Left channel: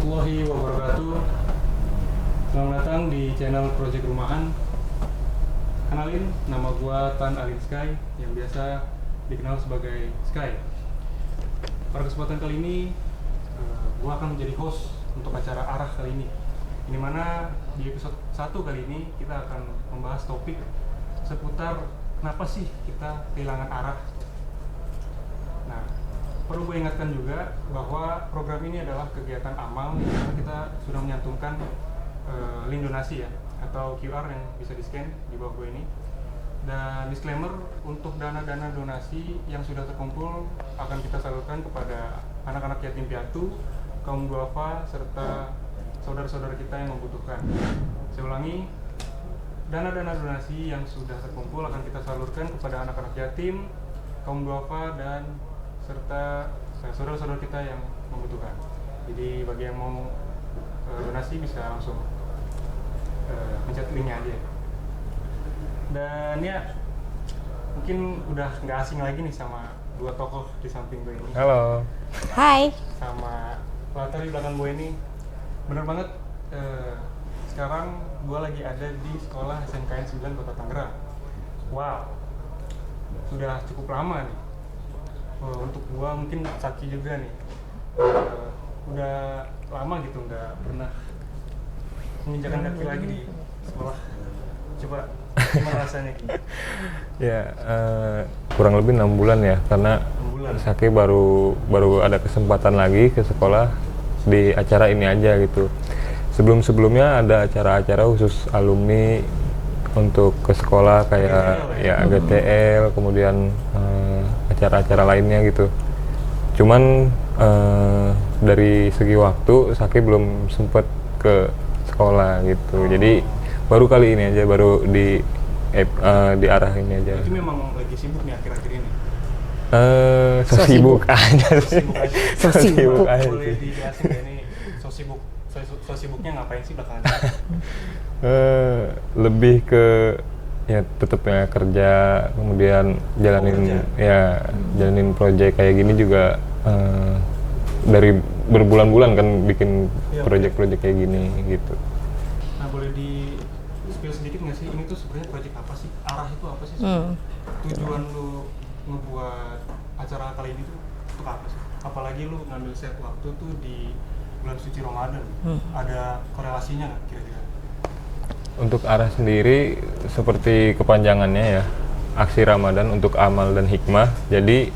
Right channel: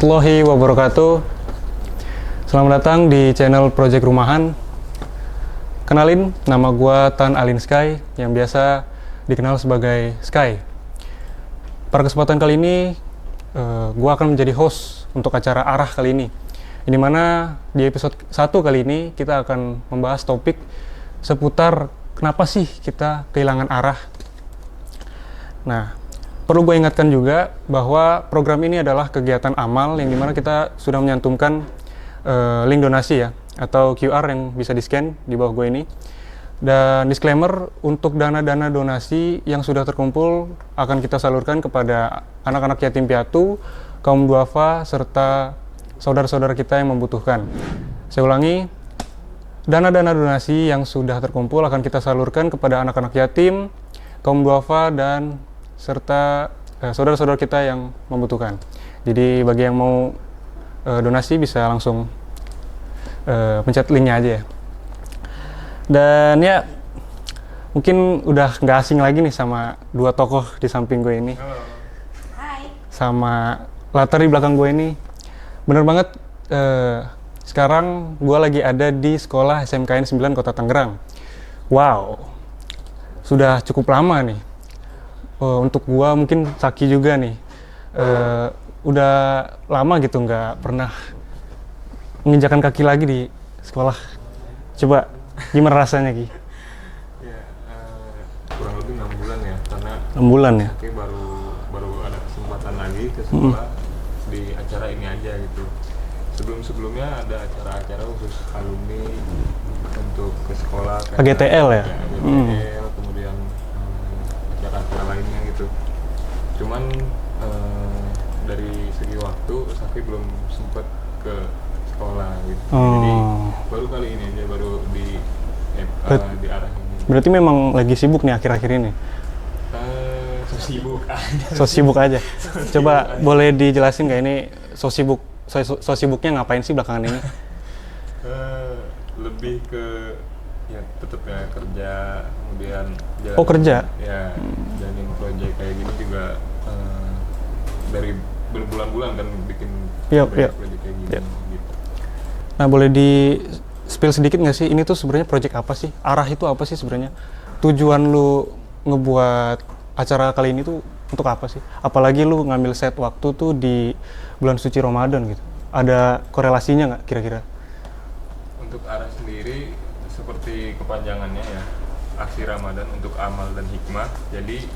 warahmatullahi wabarakatuh. Selamat datang di channel Project Rumahan. Kenalin, nama gua Tan Alin Sky, yang biasa dikenal sebagai Sky. Pada kesempatan kali ini, gua akan menjadi host untuk acara Arah kali ini. Di mana di episode 1 kali ini kita akan membahas topik seputar kenapa sih kita kehilangan arah. Nah, perlu gue ingatkan juga bahwa program ini adalah kegiatan amal yang dimana kita sudah menyantumkan link donasi ya, atau QR yang bisa di-scan di bawah gue ini. Dan disclaimer, untuk dana-dana donasi yang sudah terkumpul akan kita salurkan kepada anak-anak yatim piatu, kaum duafa, serta saudara-saudara kita yang membutuhkan. Saya ulangi, dana-dana donasi yang sudah terkumpul akan kita salurkan kepada anak-anak yatim, kaum duafa, dan serta saudara-saudara kita yang membutuhkan. Jadi bagi yang mau donasi bisa langsung pencet linknya aja ya. Dan ya mungkin udah nggak asing lagi nih sama dua tokoh di samping gue ini. Halo. Hai. Sama latar di belakang gue ini. Bener banget, sekarang gue lagi ada di sekolah SMKN 9 Kota Tangerang. Wow, sudah cukup lama nih. Untuk gua mungkin Saki juga nih, udah lama gitu nggak pernah menginjakan kaki lagi di sekolah. Coba gimana rasanya Ki? Ya, kurang lebih 6 bulan ya, karena 6 bulan ya? Saki baru ada kesempatan lagi ke sekolah di acara ini aja gitu. Sebelumnya ada acara-acara khusus alumni untuk ke sekolah kayak AGTL ya? Ya, AGTL, kemudian acara-acara lainnya gitu. Cuman dari segi waktu Saki belum sempat ke sekolah gitu. Jadi baru kali ini aja, baru di arah ini aja. Berarti memang lagi sibuk nih akhir-akhir ini? So sibuk aja. So sibuk aja. Coba aja. boleh dijelasin nggak ini so sibuknya ngapain sih belakangan ini? Lebih ke ya tetapnya kerja, kemudian jalanin kerja? Ya, jalanin proyek kayak gini juga dari berbulan-bulan kan bikin proyek-proyek kayak gini gitu. Nah, boleh di spill sedikit nggak sih, ini tuh sebenarnya proyek apa sih? Arah itu apa sih sebenarnya? Tujuan lu ngebuat acara kali ini tuh untuk apa sih? Apalagi lu ngambil set waktu tuh di bulan suci Ramadan gitu. Ada korelasinya nggak kira-kira? Untuk arah sendiri seperti kepanjangannya ya, aksi Ramadan untuk amal dan hikmah. Jadi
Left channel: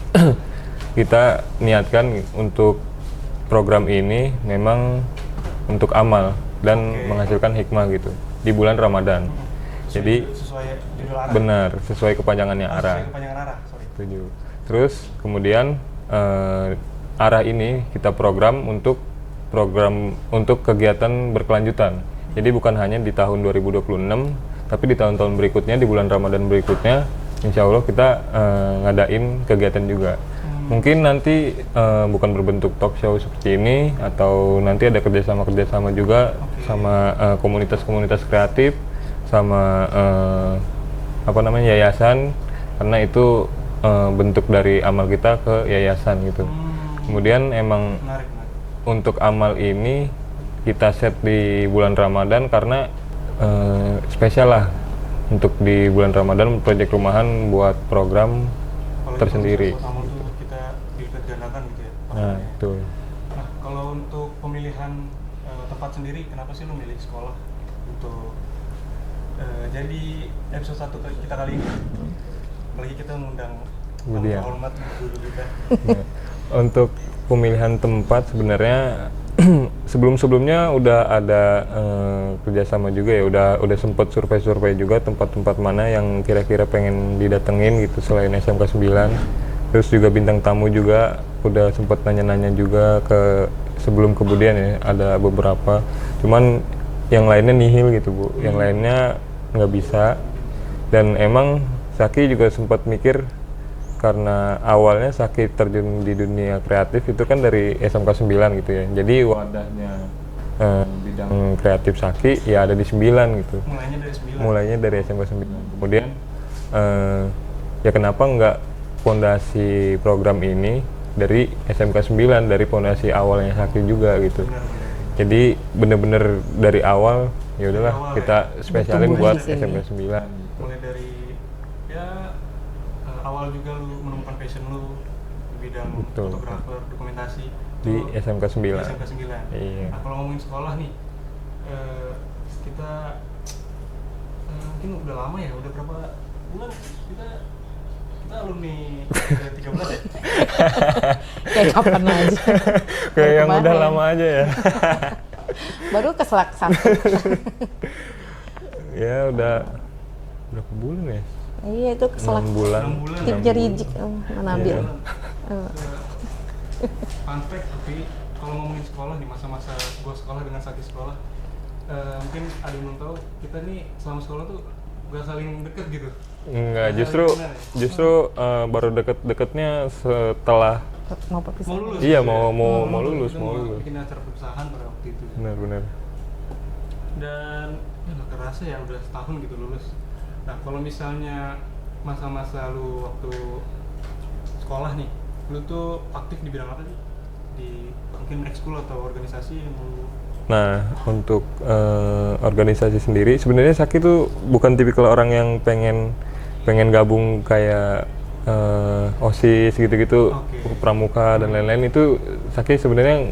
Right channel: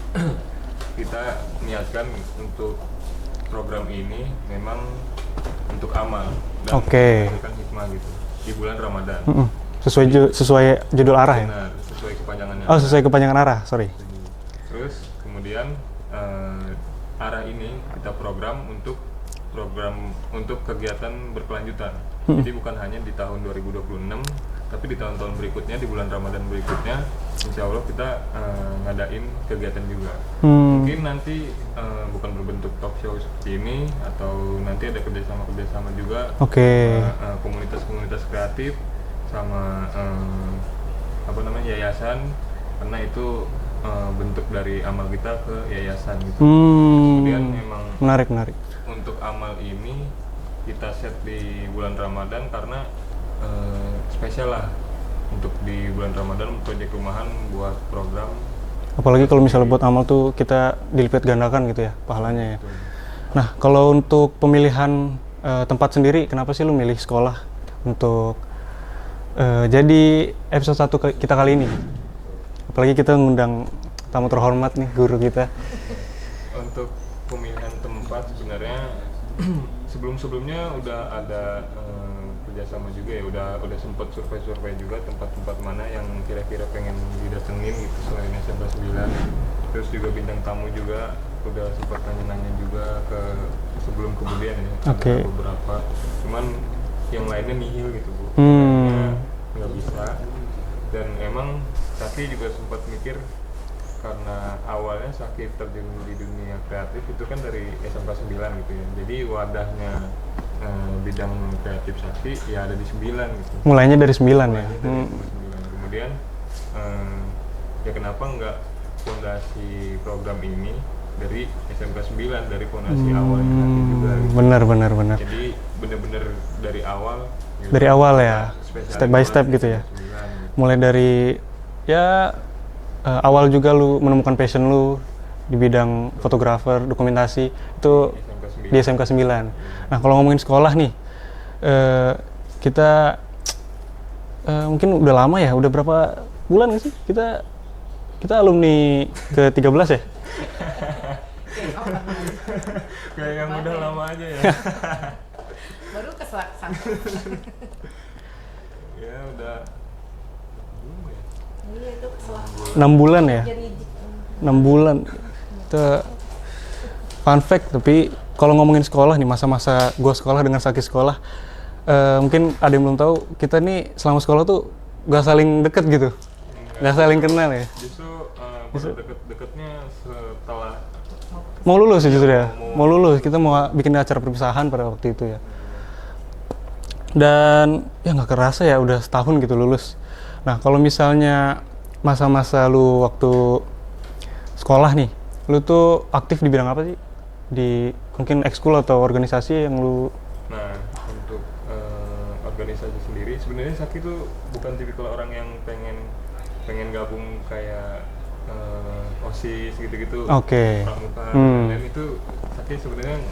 kita niatkan untuk program ini memang untuk amal dan menghasilkan hikmah gitu di bulan Ramadan. Sesuai judul arah. Benar, sesuai kepanjangannya. Oh, sesuai kepanjangan arah, sorry. Terus kemudian arah ini kita program untuk kegiatan berkelanjutan. Jadi bukan hanya di tahun 2026, tapi di tahun-tahun berikutnya, di bulan Ramadan berikutnya, insya Allah kita ngadain kegiatan juga. Mungkin nanti bukan berbentuk talk show seperti ini, atau nanti ada kerjasama juga sama komunitas-komunitas kreatif, sama yayasan, karena itu bentuk dari amal kita ke yayasan gitu. Kemudian emang menarik. Untuk amal ini kita set di bulan Ramadan karena spesial lah untuk di bulan Ramadan Project Rumahan buat program. Apalagi kalau misalnya buat amal tuh kita dilipat gandakan gitu ya pahalanya ya. Betul. Nah, kalau untuk pemilihan tempat sendiri, kenapa sih lu milih sekolah untuk jadi episode 1 kita kali ini? Apalagi kita ngundang tamu terhormat nih, guru kita. Untuk pemilihan tempat sebenarnya sebelumnya udah ada kerjasama juga ya, udah sempat survei juga tempat-tempat mana yang kira-kira pengen didatengin gitu selain SMK 9. Terus juga bintang tamu juga udah sempat nanya-nanya juga ke sebelum kemudian ya, ada beberapa. Cuman yang lainnya nihil gitu Bu, yang lainnya nggak bisa. Dan emang Saki juga sempat mikir, karena awalnya Saki terjun di dunia kreatif itu kan dari SMK 9 gitu ya. Jadi wadahnya bidang kreatif Saki ya ada di 9 gitu. Mulainya dari 9? Mulainya dari SMK 9. Kemudian ya kenapa nggak fondasi program ini dari SMK 9, dari fondasi awalnya Sakti juga gitu. Benar. Jadi bener-bener dari awal ya Dari udahlah, awal kita ya, spesialin step by buat step gitu ya. SMK 9. Mulai dari ya awal juga lu menemukan passion lu di bidang Betul. fotografer, dokumentasi itu Di SMK 9. di SMK 9. Iya. Nah, kalau ngomongin sekolah nih, kita mungkin udah lama ya, udah berapa bulan ya sih kita alumni ke-13 ya? Kayak kapan aja. Kayak yang Kemarin. udah lama aja ya. Baru keselak 1. Ya udah berapa bulan ya? Iya itu keselak. 6 bulan. 6 bulan ya? Jerijik. 6 bulan. Itu fun fact, tapi kalau ngomongin sekolah nih, masa-masa gua sekolah dengan Saki sekolah, mungkin ada yang belum tahu, kita nih selama sekolah tuh gak saling deket gitu. Nggak saling kenal ya? Justru baru deket-deketnya setelah Mau lulus Iya, ya justru ya? mau Mau lulus, lulus, kita mau mau bikin acara perpisahan pada waktu itu ya. benar-benar. Dan ya nggak kerasa ya udah setahun gitu lulus. Nah, kalau misalnya masa-masa lu waktu sekolah nih, lu tuh aktif di bidang apa sih? Di mungkin ekskul atau organisasi yang lu... Nah, untuk organisasi sendiri, sebenarnya Saki tuh bukan tipikal orang yang pengen gabung kayak OSIS gitu-gitu, Oke. pramuka dan lain-lain. Itu Saki sebenarnya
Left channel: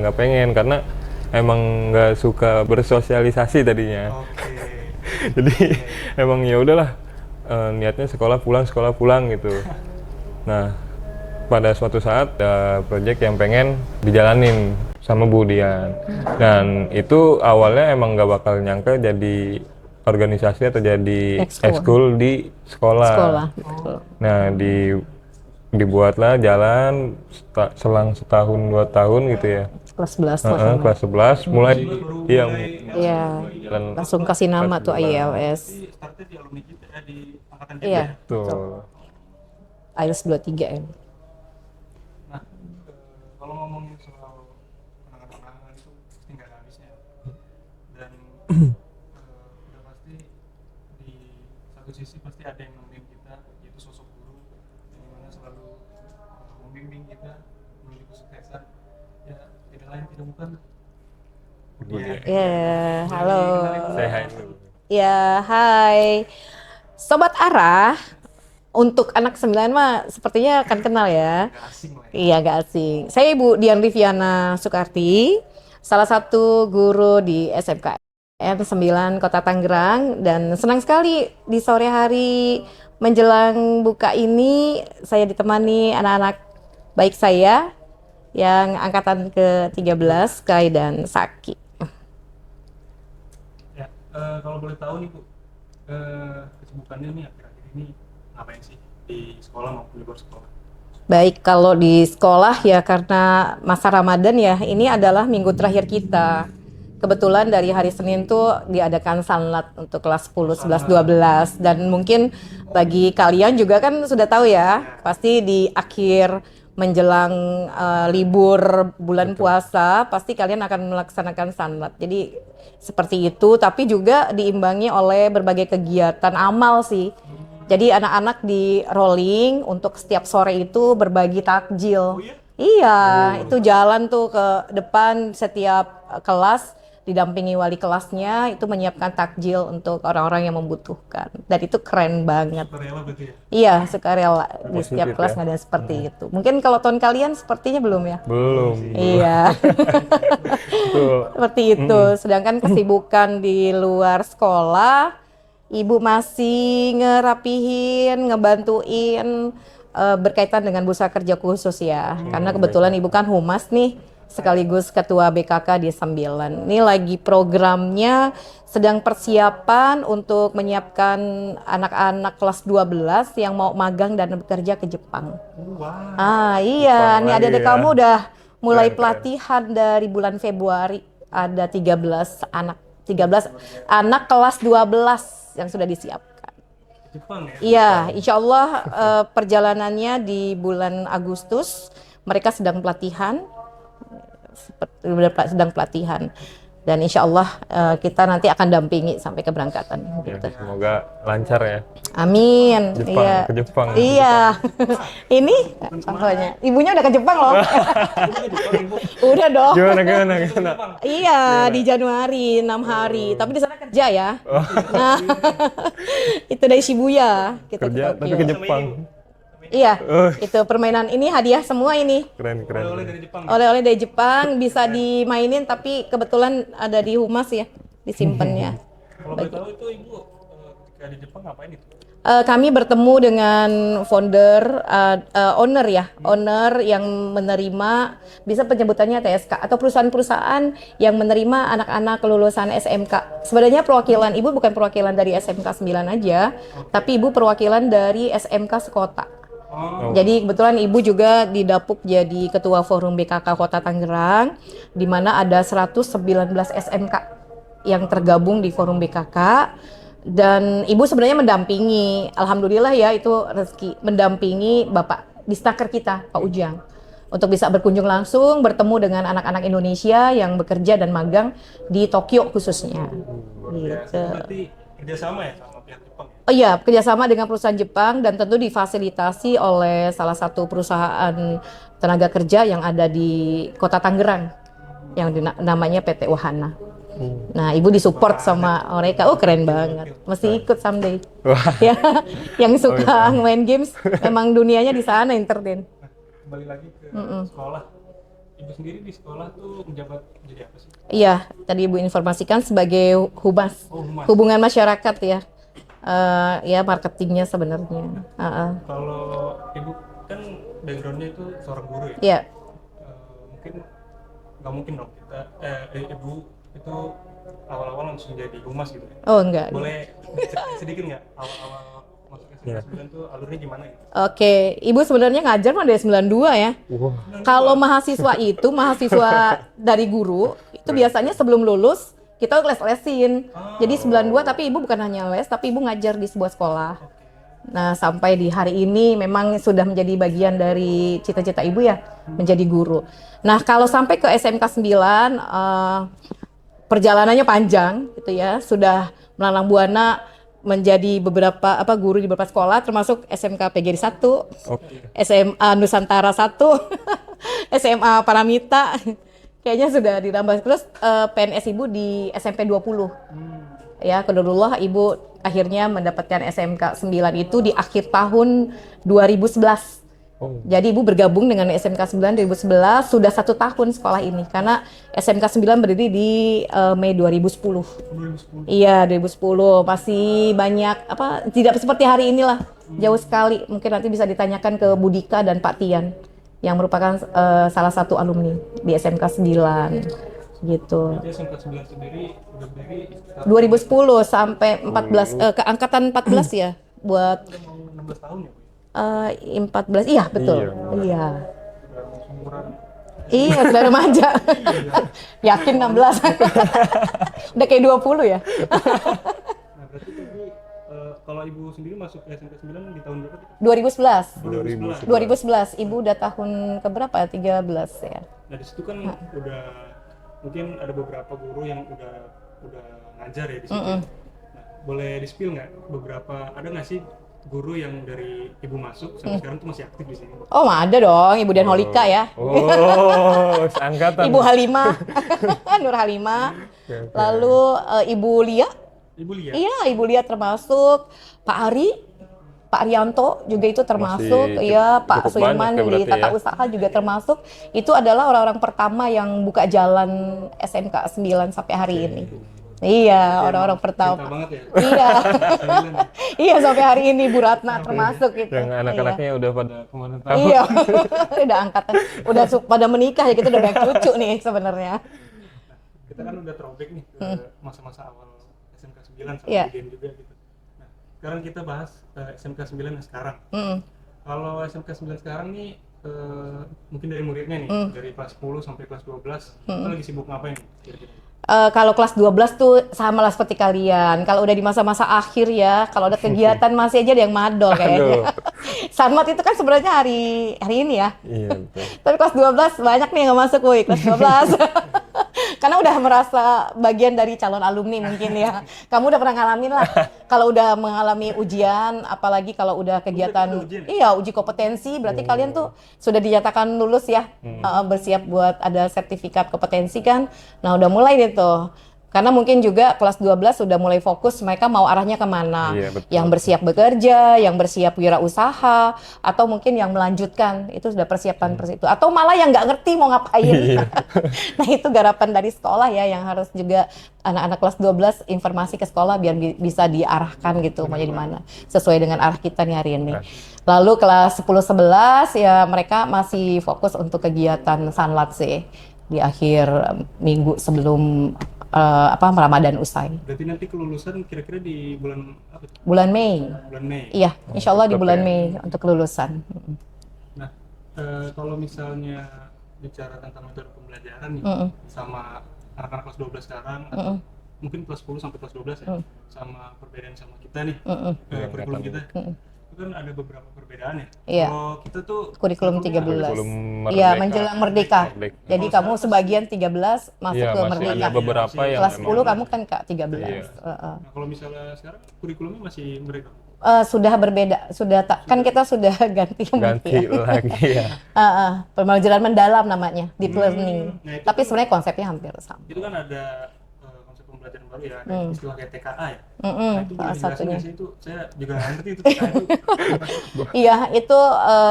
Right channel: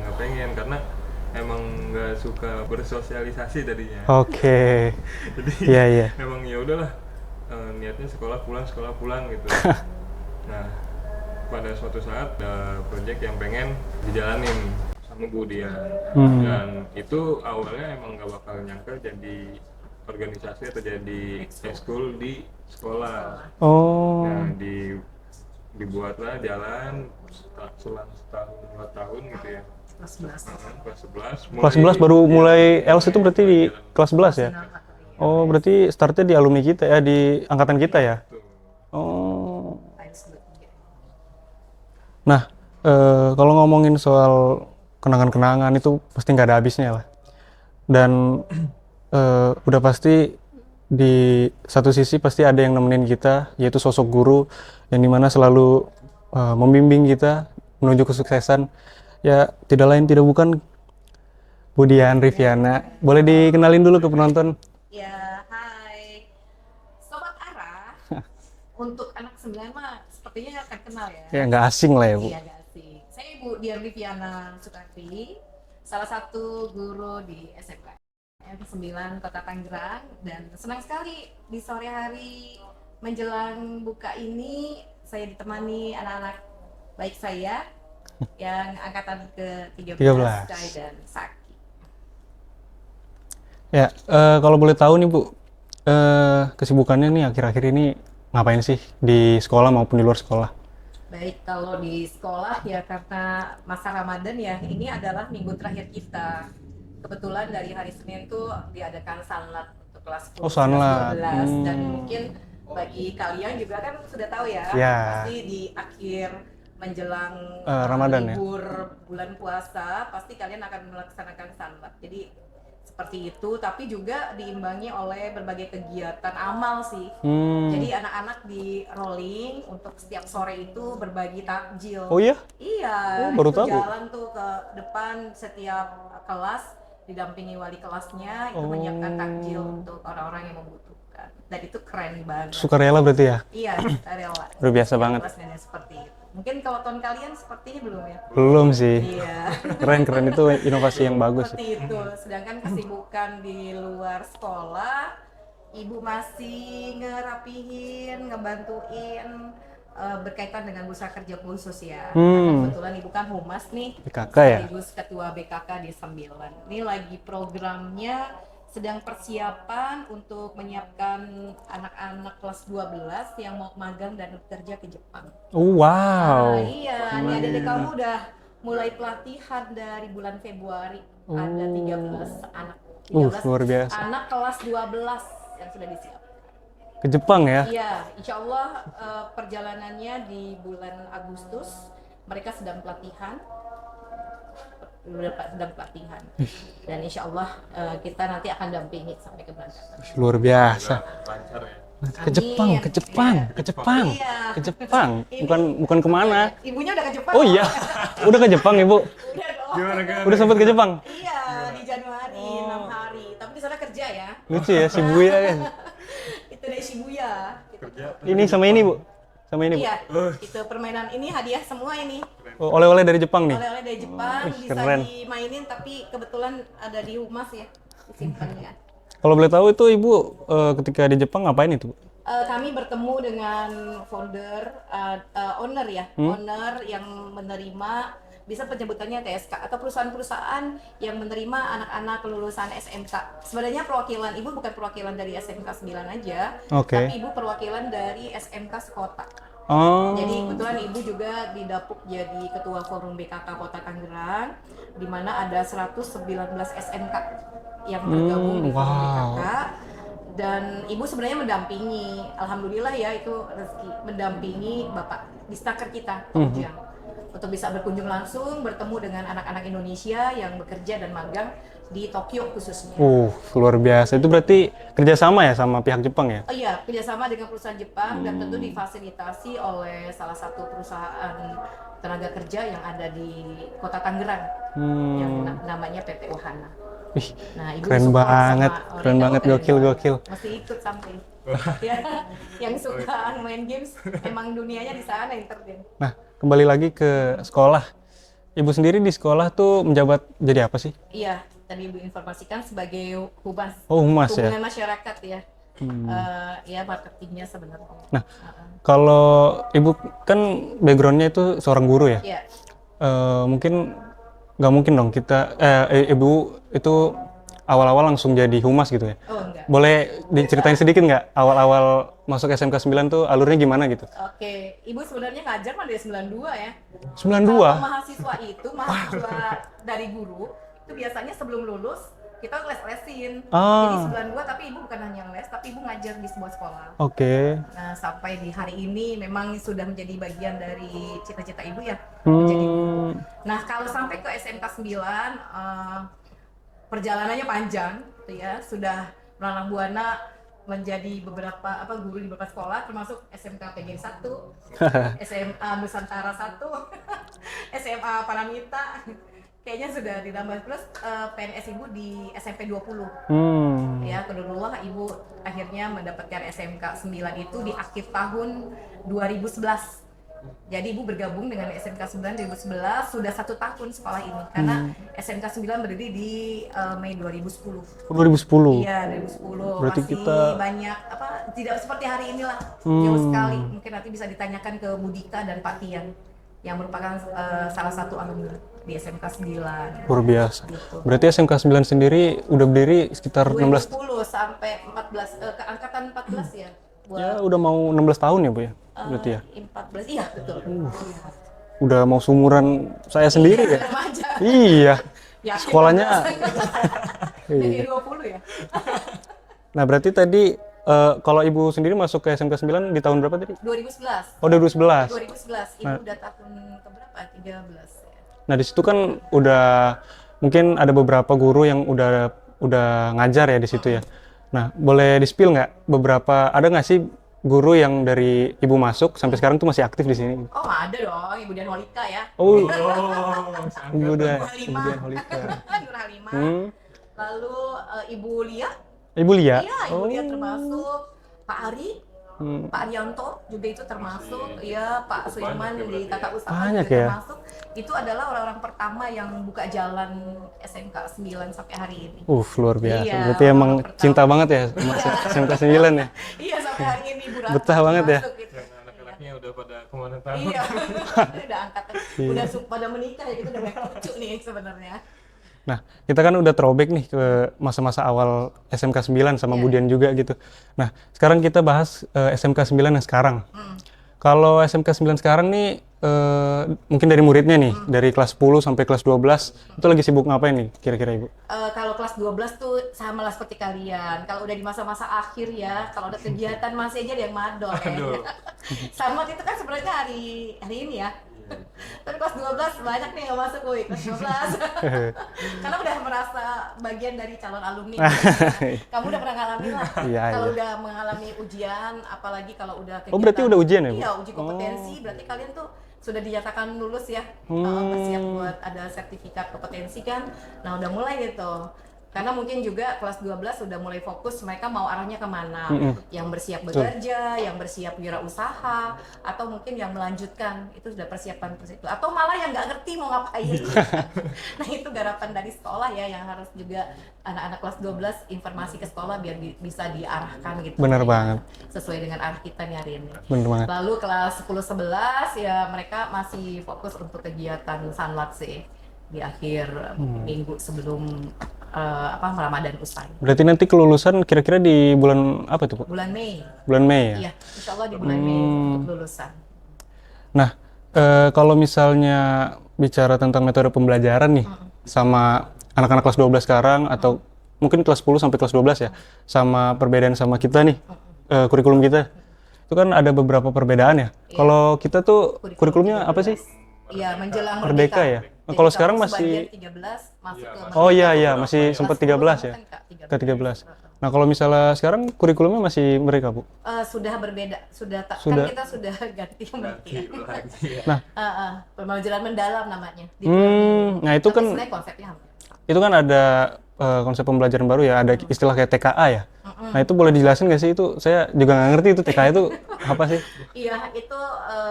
nggak pengen, karena emang nggak suka bersosialisasi tadinya. Oke. Jadi Iya. emang ya udahlah, niatnya sekolah pulang gitu. Nah, pada suatu saat ada project yang pengen dijalanin sama Bu Dian. Dan itu awalnya emang nggak bakal nyangka jadi organisasi atau jadi ekskul di sekolah. Oh. Nah, dibuatlah jalan selang setahun 2 tahun gitu ya. kelas 11 lah. Kelas 11 Kelas 11 baru iya, mulai ELS itu Iya. berarti di Jalan- kelas Langsung 11 kasih ya? nama tuh kelas 11. IELS. Oh, berarti startnya di alumni kita ya, di angkatan kita Iya. ya? Betul. Oh. IELTS 23 ya. Nah, kalau ngomongin soal kenangan-kenangan itu pasti nggak ada habisnya lah. Dan udah pasti di satu sisi pasti ada yang nemenin kita, yaitu sosok guru yang dimana selalu membimbing kita menuju kesuksesan. Ya, tidak lain tidak bukan Bu Dian Riviana. Boleh halo. dikenalin dulu ke penonton? Ya, hai. Sobat Arah, untuk anak 9 mah sepertinya akan kenal Ya, ya. nggak asing lah ya, Bu. Iya, gak asing. Saya Ibu Dian Riviana Sukarti, salah satu guru di SMK N9 Kota Tangerang, dan senang sekali di sore hari menjelang buka ini saya ditemani anak-anak baik saya yang angkatan ke-13, 13. Sky dan Saki. Ya, kalau boleh tahu nih Bu, kesibukannya nih akhir-akhir ini ngapain sih di sekolah maupun di luar sekolah? Baik, kalau di sekolah ya karena masa Ramadan ya, ini adalah minggu terakhir kita. Kebetulan dari hari Senin tuh diadakan sanlat untuk kelas 10, 11, sanlat. 12. Dan mungkin bagi kalian juga kan sudah tahu ya, Ya. pasti di akhir menjelang Ramadan ya. libur bulan puasa, pasti kalian akan melaksanakan sanlat. Jadi seperti itu, tapi juga diimbangi oleh berbagai kegiatan amal sih. Jadi anak-anak di rolling untuk setiap sore itu berbagi takjil. Oh iya? Iya, baru itu tahu. jalan tuh ke depan setiap kelas, didampingi wali kelasnya, itu menyiapkan takjil untuk orang-orang yang membutuhkan. Dan itu keren banget. Sukarela berarti ya? Iya, sukarela. Luar biasa Di setiap banget kelas ya. nggak ada seperti itu. Mungkin kalau tahun kalian sepertinya belum ya? Belum sih. Iya. Keren itu inovasi yang bagus. Seperti itu. Sedangkan kesibukan di luar sekolah, ibu masih ngerapihin, ngebantuin berkaitan dengan bursa kerja khusus ya. Karena kebetulan ibu kan humas nih, BKK ya? sekaligus ketua BKK di 9. Ini lagi programnya sedang persiapan untuk menyiapkan anak-anak kelas 12 yang mau magang dan bekerja ke Jepang. Wow. Iya, nih adik-adik ya. kamu udah mulai Keren, keren. pelatihan dari bulan Februari. Ada 13 anak, 13 luar biasa. anak kelas 12 yang sudah disiapkan. Ke Jepang ya? Iya, insya Allah perjalanannya di bulan Agustus. Mereka sedang pelatihan. Sedang pelatihan. Dan insya Allah kita nanti akan dampingi sampai keberangkatan. Luar biasa. Semoga lancar ya. Amin. Ke Jepang, Iya. Ke Jepang. Iya. Ke Jepang. Ini bukan kemana? apanya? Ibunya udah ke Jepang Oh loh. iya, udah ke Jepang Ibu? Udah dong. Gimana? Udah sempet ke Jepang? Iya, di Januari 6 hari. Tapi di sana kerja ya. Lucu ya, Shibuya ya. Itu dari Shibuya kita Kerja, ke tapi Tokyo. Ini sama ini Bu? Sama ini Bu? Iya, itu permainan ini hadiah semua ini. Keren. Oh, oleh-oleh dari Jepang nih? Oleh-oleh dari Jepang bisa Keren. dimainin tapi kebetulan ada di Humas ya, disimpannya. Kalau boleh tahu itu Ibu ketika di Jepang ngapain itu Bu? Kami bertemu dengan founder, owner ya, owner yang menerima, bisa penyebutannya TSK atau perusahaan-perusahaan yang menerima anak-anak lulusan SMK. Sebenarnya perwakilan Ibu bukan perwakilan dari SMK 9 aja, Oke. tapi Ibu perwakilan dari SMK sekota. Oh, Jadi kebetulan Ibu juga didapuk jadi Ketua Forum BKK Kota Tangerang, di mana ada 119 SMK yang tergabung di Forum BKK. Dan Ibu sebenarnya mendampingi, alhamdulillah ya itu rezeki, mendampingi Bapak Disnaker kita, Pak Ujang. Untuk bisa berkunjung langsung, bertemu dengan anak-anak Indonesia yang bekerja dan magang di Tokyo khususnya. luar biasa. Itu berarti kerjasama ya sama pihak Jepang ya? Oh iya, kerjasama dengan perusahaan Jepang dan tentu difasilitasi oleh salah satu perusahaan tenaga kerja yang ada di Kota Tangerang, yang namanya PT Wahana. Nah, Ibu Keren disupport banget, sama keren mereka. Oh, banget, keren gokil, banget. gokil. Mesti ikut someday. Ya, yang suka main games, memang dunianya di sana entertain. Nah, kembali lagi ke sekolah. Ibu sendiri di sekolah tuh menjabat jadi apa sih? Iya, tadi Ibu informasikan sebagai humas, Oh, humas hubungan ya? masyarakat ya. Ya marketingnya sebenarnya. Nah, kalau Ibu kan backgroundnya itu seorang guru ya? Iya. Mungkin nggak mungkin dong kita, Ibu itu awal-awal langsung jadi humas gitu ya? Oh enggak. Boleh diceritain sedikit nggak awal-awal masuk SMK 9 tuh alurnya gimana gitu? Oke, Ibu sebenarnya ngajar mah dari 92 ya. 92? Kalau mahasiswa itu, mahasiswa dari guru, itu biasanya sebelum lulus, kita les-lesin. Ah. Jadi 92, tapi Ibu bukan hanya les, tapi Ibu ngajar di sebuah sekolah. Oke. Nah, sampai di hari ini memang sudah menjadi bagian dari cita-cita Ibu ya, menjadi guru. Nah, kalau sampai ke SMK 9, perjalanannya panjang gitu ya, sudah melalang buana menjadi beberapa guru di beberapa sekolah termasuk SMK PGRI 1, SMA Nusantara 1, SMA Paramita. Kayaknya sudah ditambah terus PNS Ibu di SMP 20. Ya, qadarullah Ibu akhirnya mendapatkan SMK 9 itu di akhir tahun 2011. Jadi Ibu bergabung dengan SMK 9 2011, sudah 1 tahun sekolah ini karena SMK 9 berdiri di Mei 2010. 2010. Iya, 2010. Berarti Masih banyak tidak seperti hari inilah. Jauh sekali. Mungkin nanti bisa ditanyakan ke Budika dan Pak Tian yang merupakan salah satu alumni di SMK 9. Luar biasa. Gitu. Berarti SMK 9 sendiri udah berdiri sekitar 2010 sampai 14 ke angkatan 14 ya buat udah mau 16 tahun ya Bu ya? Berarti ya? 14. Iya, betul. Iya. Udah mau seumuran saya sendiri. Iya, udah remaja. Iya. Yakin Sekolahnya. 16. Udah kayak 20 ya. Nah, berarti tadi kalau Ibu sendiri masuk ke SMK 9 di tahun berapa tadi? 2011. Oh, 2011. 2011. Ibu udah tahun keberapa? 13 ya. Nah, di situ kan udah mungkin ada beberapa guru yang udah ngajar ya di situ ya. Nah, boleh di-spill nggak beberapa, ada nggak sih guru yang dari Ibu masuk sampai sekarang tuh masih aktif di sini? Oh, ada dong. Ibu Dian Holika ya. Oh, seangkatan. Ibu Halimah. Nur Halimah. Lalu Ibu Lia. Ibu Lia? Iya, Ibu Lia termasuk. Pak Ari. Pak Arianto juga itu termasuk, Masih ya Pak cukup Sulaiman banyak ya di berarti Tata ya. Usaha Banyak juga ya. termasuk. Itu adalah orang-orang pertama yang buka jalan SMK 9 sampai hari ini. Luar biasa. Iya, Berarti emang orang-orang pertama. cinta banget ya Iya. SMK 9 ya? Iya, sampai hari ini Bu Ratna Betah banget ya. termasuk gitu. Yang anak-anaknya udah pada kemana tahu. Iya, udah angkatan, udah pada menikah ya, kita udah banyak cucu nih sebenarnya. Nah, kita kan udah throwback nih ke masa-masa awal SMK 9 sama Iya. Budian juga gitu. Nah, sekarang kita bahas SMK 9 yang sekarang. Kalau SMK 9 sekarang nih, mungkin dari muridnya nih, dari kelas 10 sampai kelas 12, itu lagi sibuk ngapain nih kira-kira Ibu? Kalau kelas 12 tuh sama lah seperti kalian. Kalau udah di masa-masa akhir ya, kalau ada kegiatan masih aja ada yang madol kayaknya. Sanmat itu kan sebenarnya hari ini ya. Iya, betul. Tapi kelas 12 banyak nih yang nggak masuk, woi, kelas 12. Karena udah merasa bagian dari calon alumni mungkin ya. Kamu udah pernah ngalamin lah. Iya, Kalau iya. udah mengalami ujian, apalagi kalau udah kegiatan. berarti udah ujian ya, Bu? Iya, uji kompetensi. Berarti kalian tuh sudah dinyatakan lulus ya. Bersiap buat ada sertifikat kompetensi kan. Nah, udah mulai deh tuh. Karena mungkin juga kelas 12 sudah mulai fokus mereka mau arahnya kemana. Iya, betul. Yang bersiap bekerja, yang bersiap wirausaha, atau mungkin yang melanjutkan, itu sudah persiapan itu. Atau malah yang nggak ngerti mau ngapain. Nah, itu garapan dari sekolah ya, yang harus juga anak-anak kelas 12 informasi ke sekolah biar bisa diarahkan gitu. Benar bagaimana. banget. Sesuai dengan arah kita nih hari ini. Bener banget. Lalu kelas 10-11 ya mereka masih fokus untuk kegiatan Sanlat sih di akhir minggu sebelum Ramadan usai. Berarti nanti kelulusan kira-kira di bulan apa tuh, Bu? Bulan Mei. Bulan Mei ya? Iya, insya Allah di bulan Mei untuk kelulusan. Nah, kalau misalnya bicara tentang metode pembelajaran nih sama anak-anak kelas 12 sekarang atau mungkin kelas 10 sampai kelas 12 ya, sama perbedaan sama kita nih, kurikulum kita. Itu kan ada beberapa perbedaan ya. Iya. Kalau kita tuh kurikulumnya 13. apa sih? Belum Iya, merdeka. menjelang Merdeka merdeka. ya? Jadi Kalau sekarang kamu masih- sebagian 13 masuk Iya, ke masih merdeka. Oh iya, beberapa masih yang- Kelas sempat 10 13 kamu ya? kan Kak 13. Ke 13. Nah, kalau misalnya sekarang kurikulumnya masih mereka, Bu? Sudah berbeda, kan Sudah. kita sudah ganti Ganti lagi ya. pembelajaran mendalam namanya, deep learning. nah itu Tapi kan- sebenarnya konsepnya hampir sama. Itu kan ada konsep pembelajaran baru ya, ada istilah kayak TKA ya. Nah, itu boleh dijelasin nggak sih? Itu saya juga nggak ngerti itu TKA itu apa sih? Iya, itu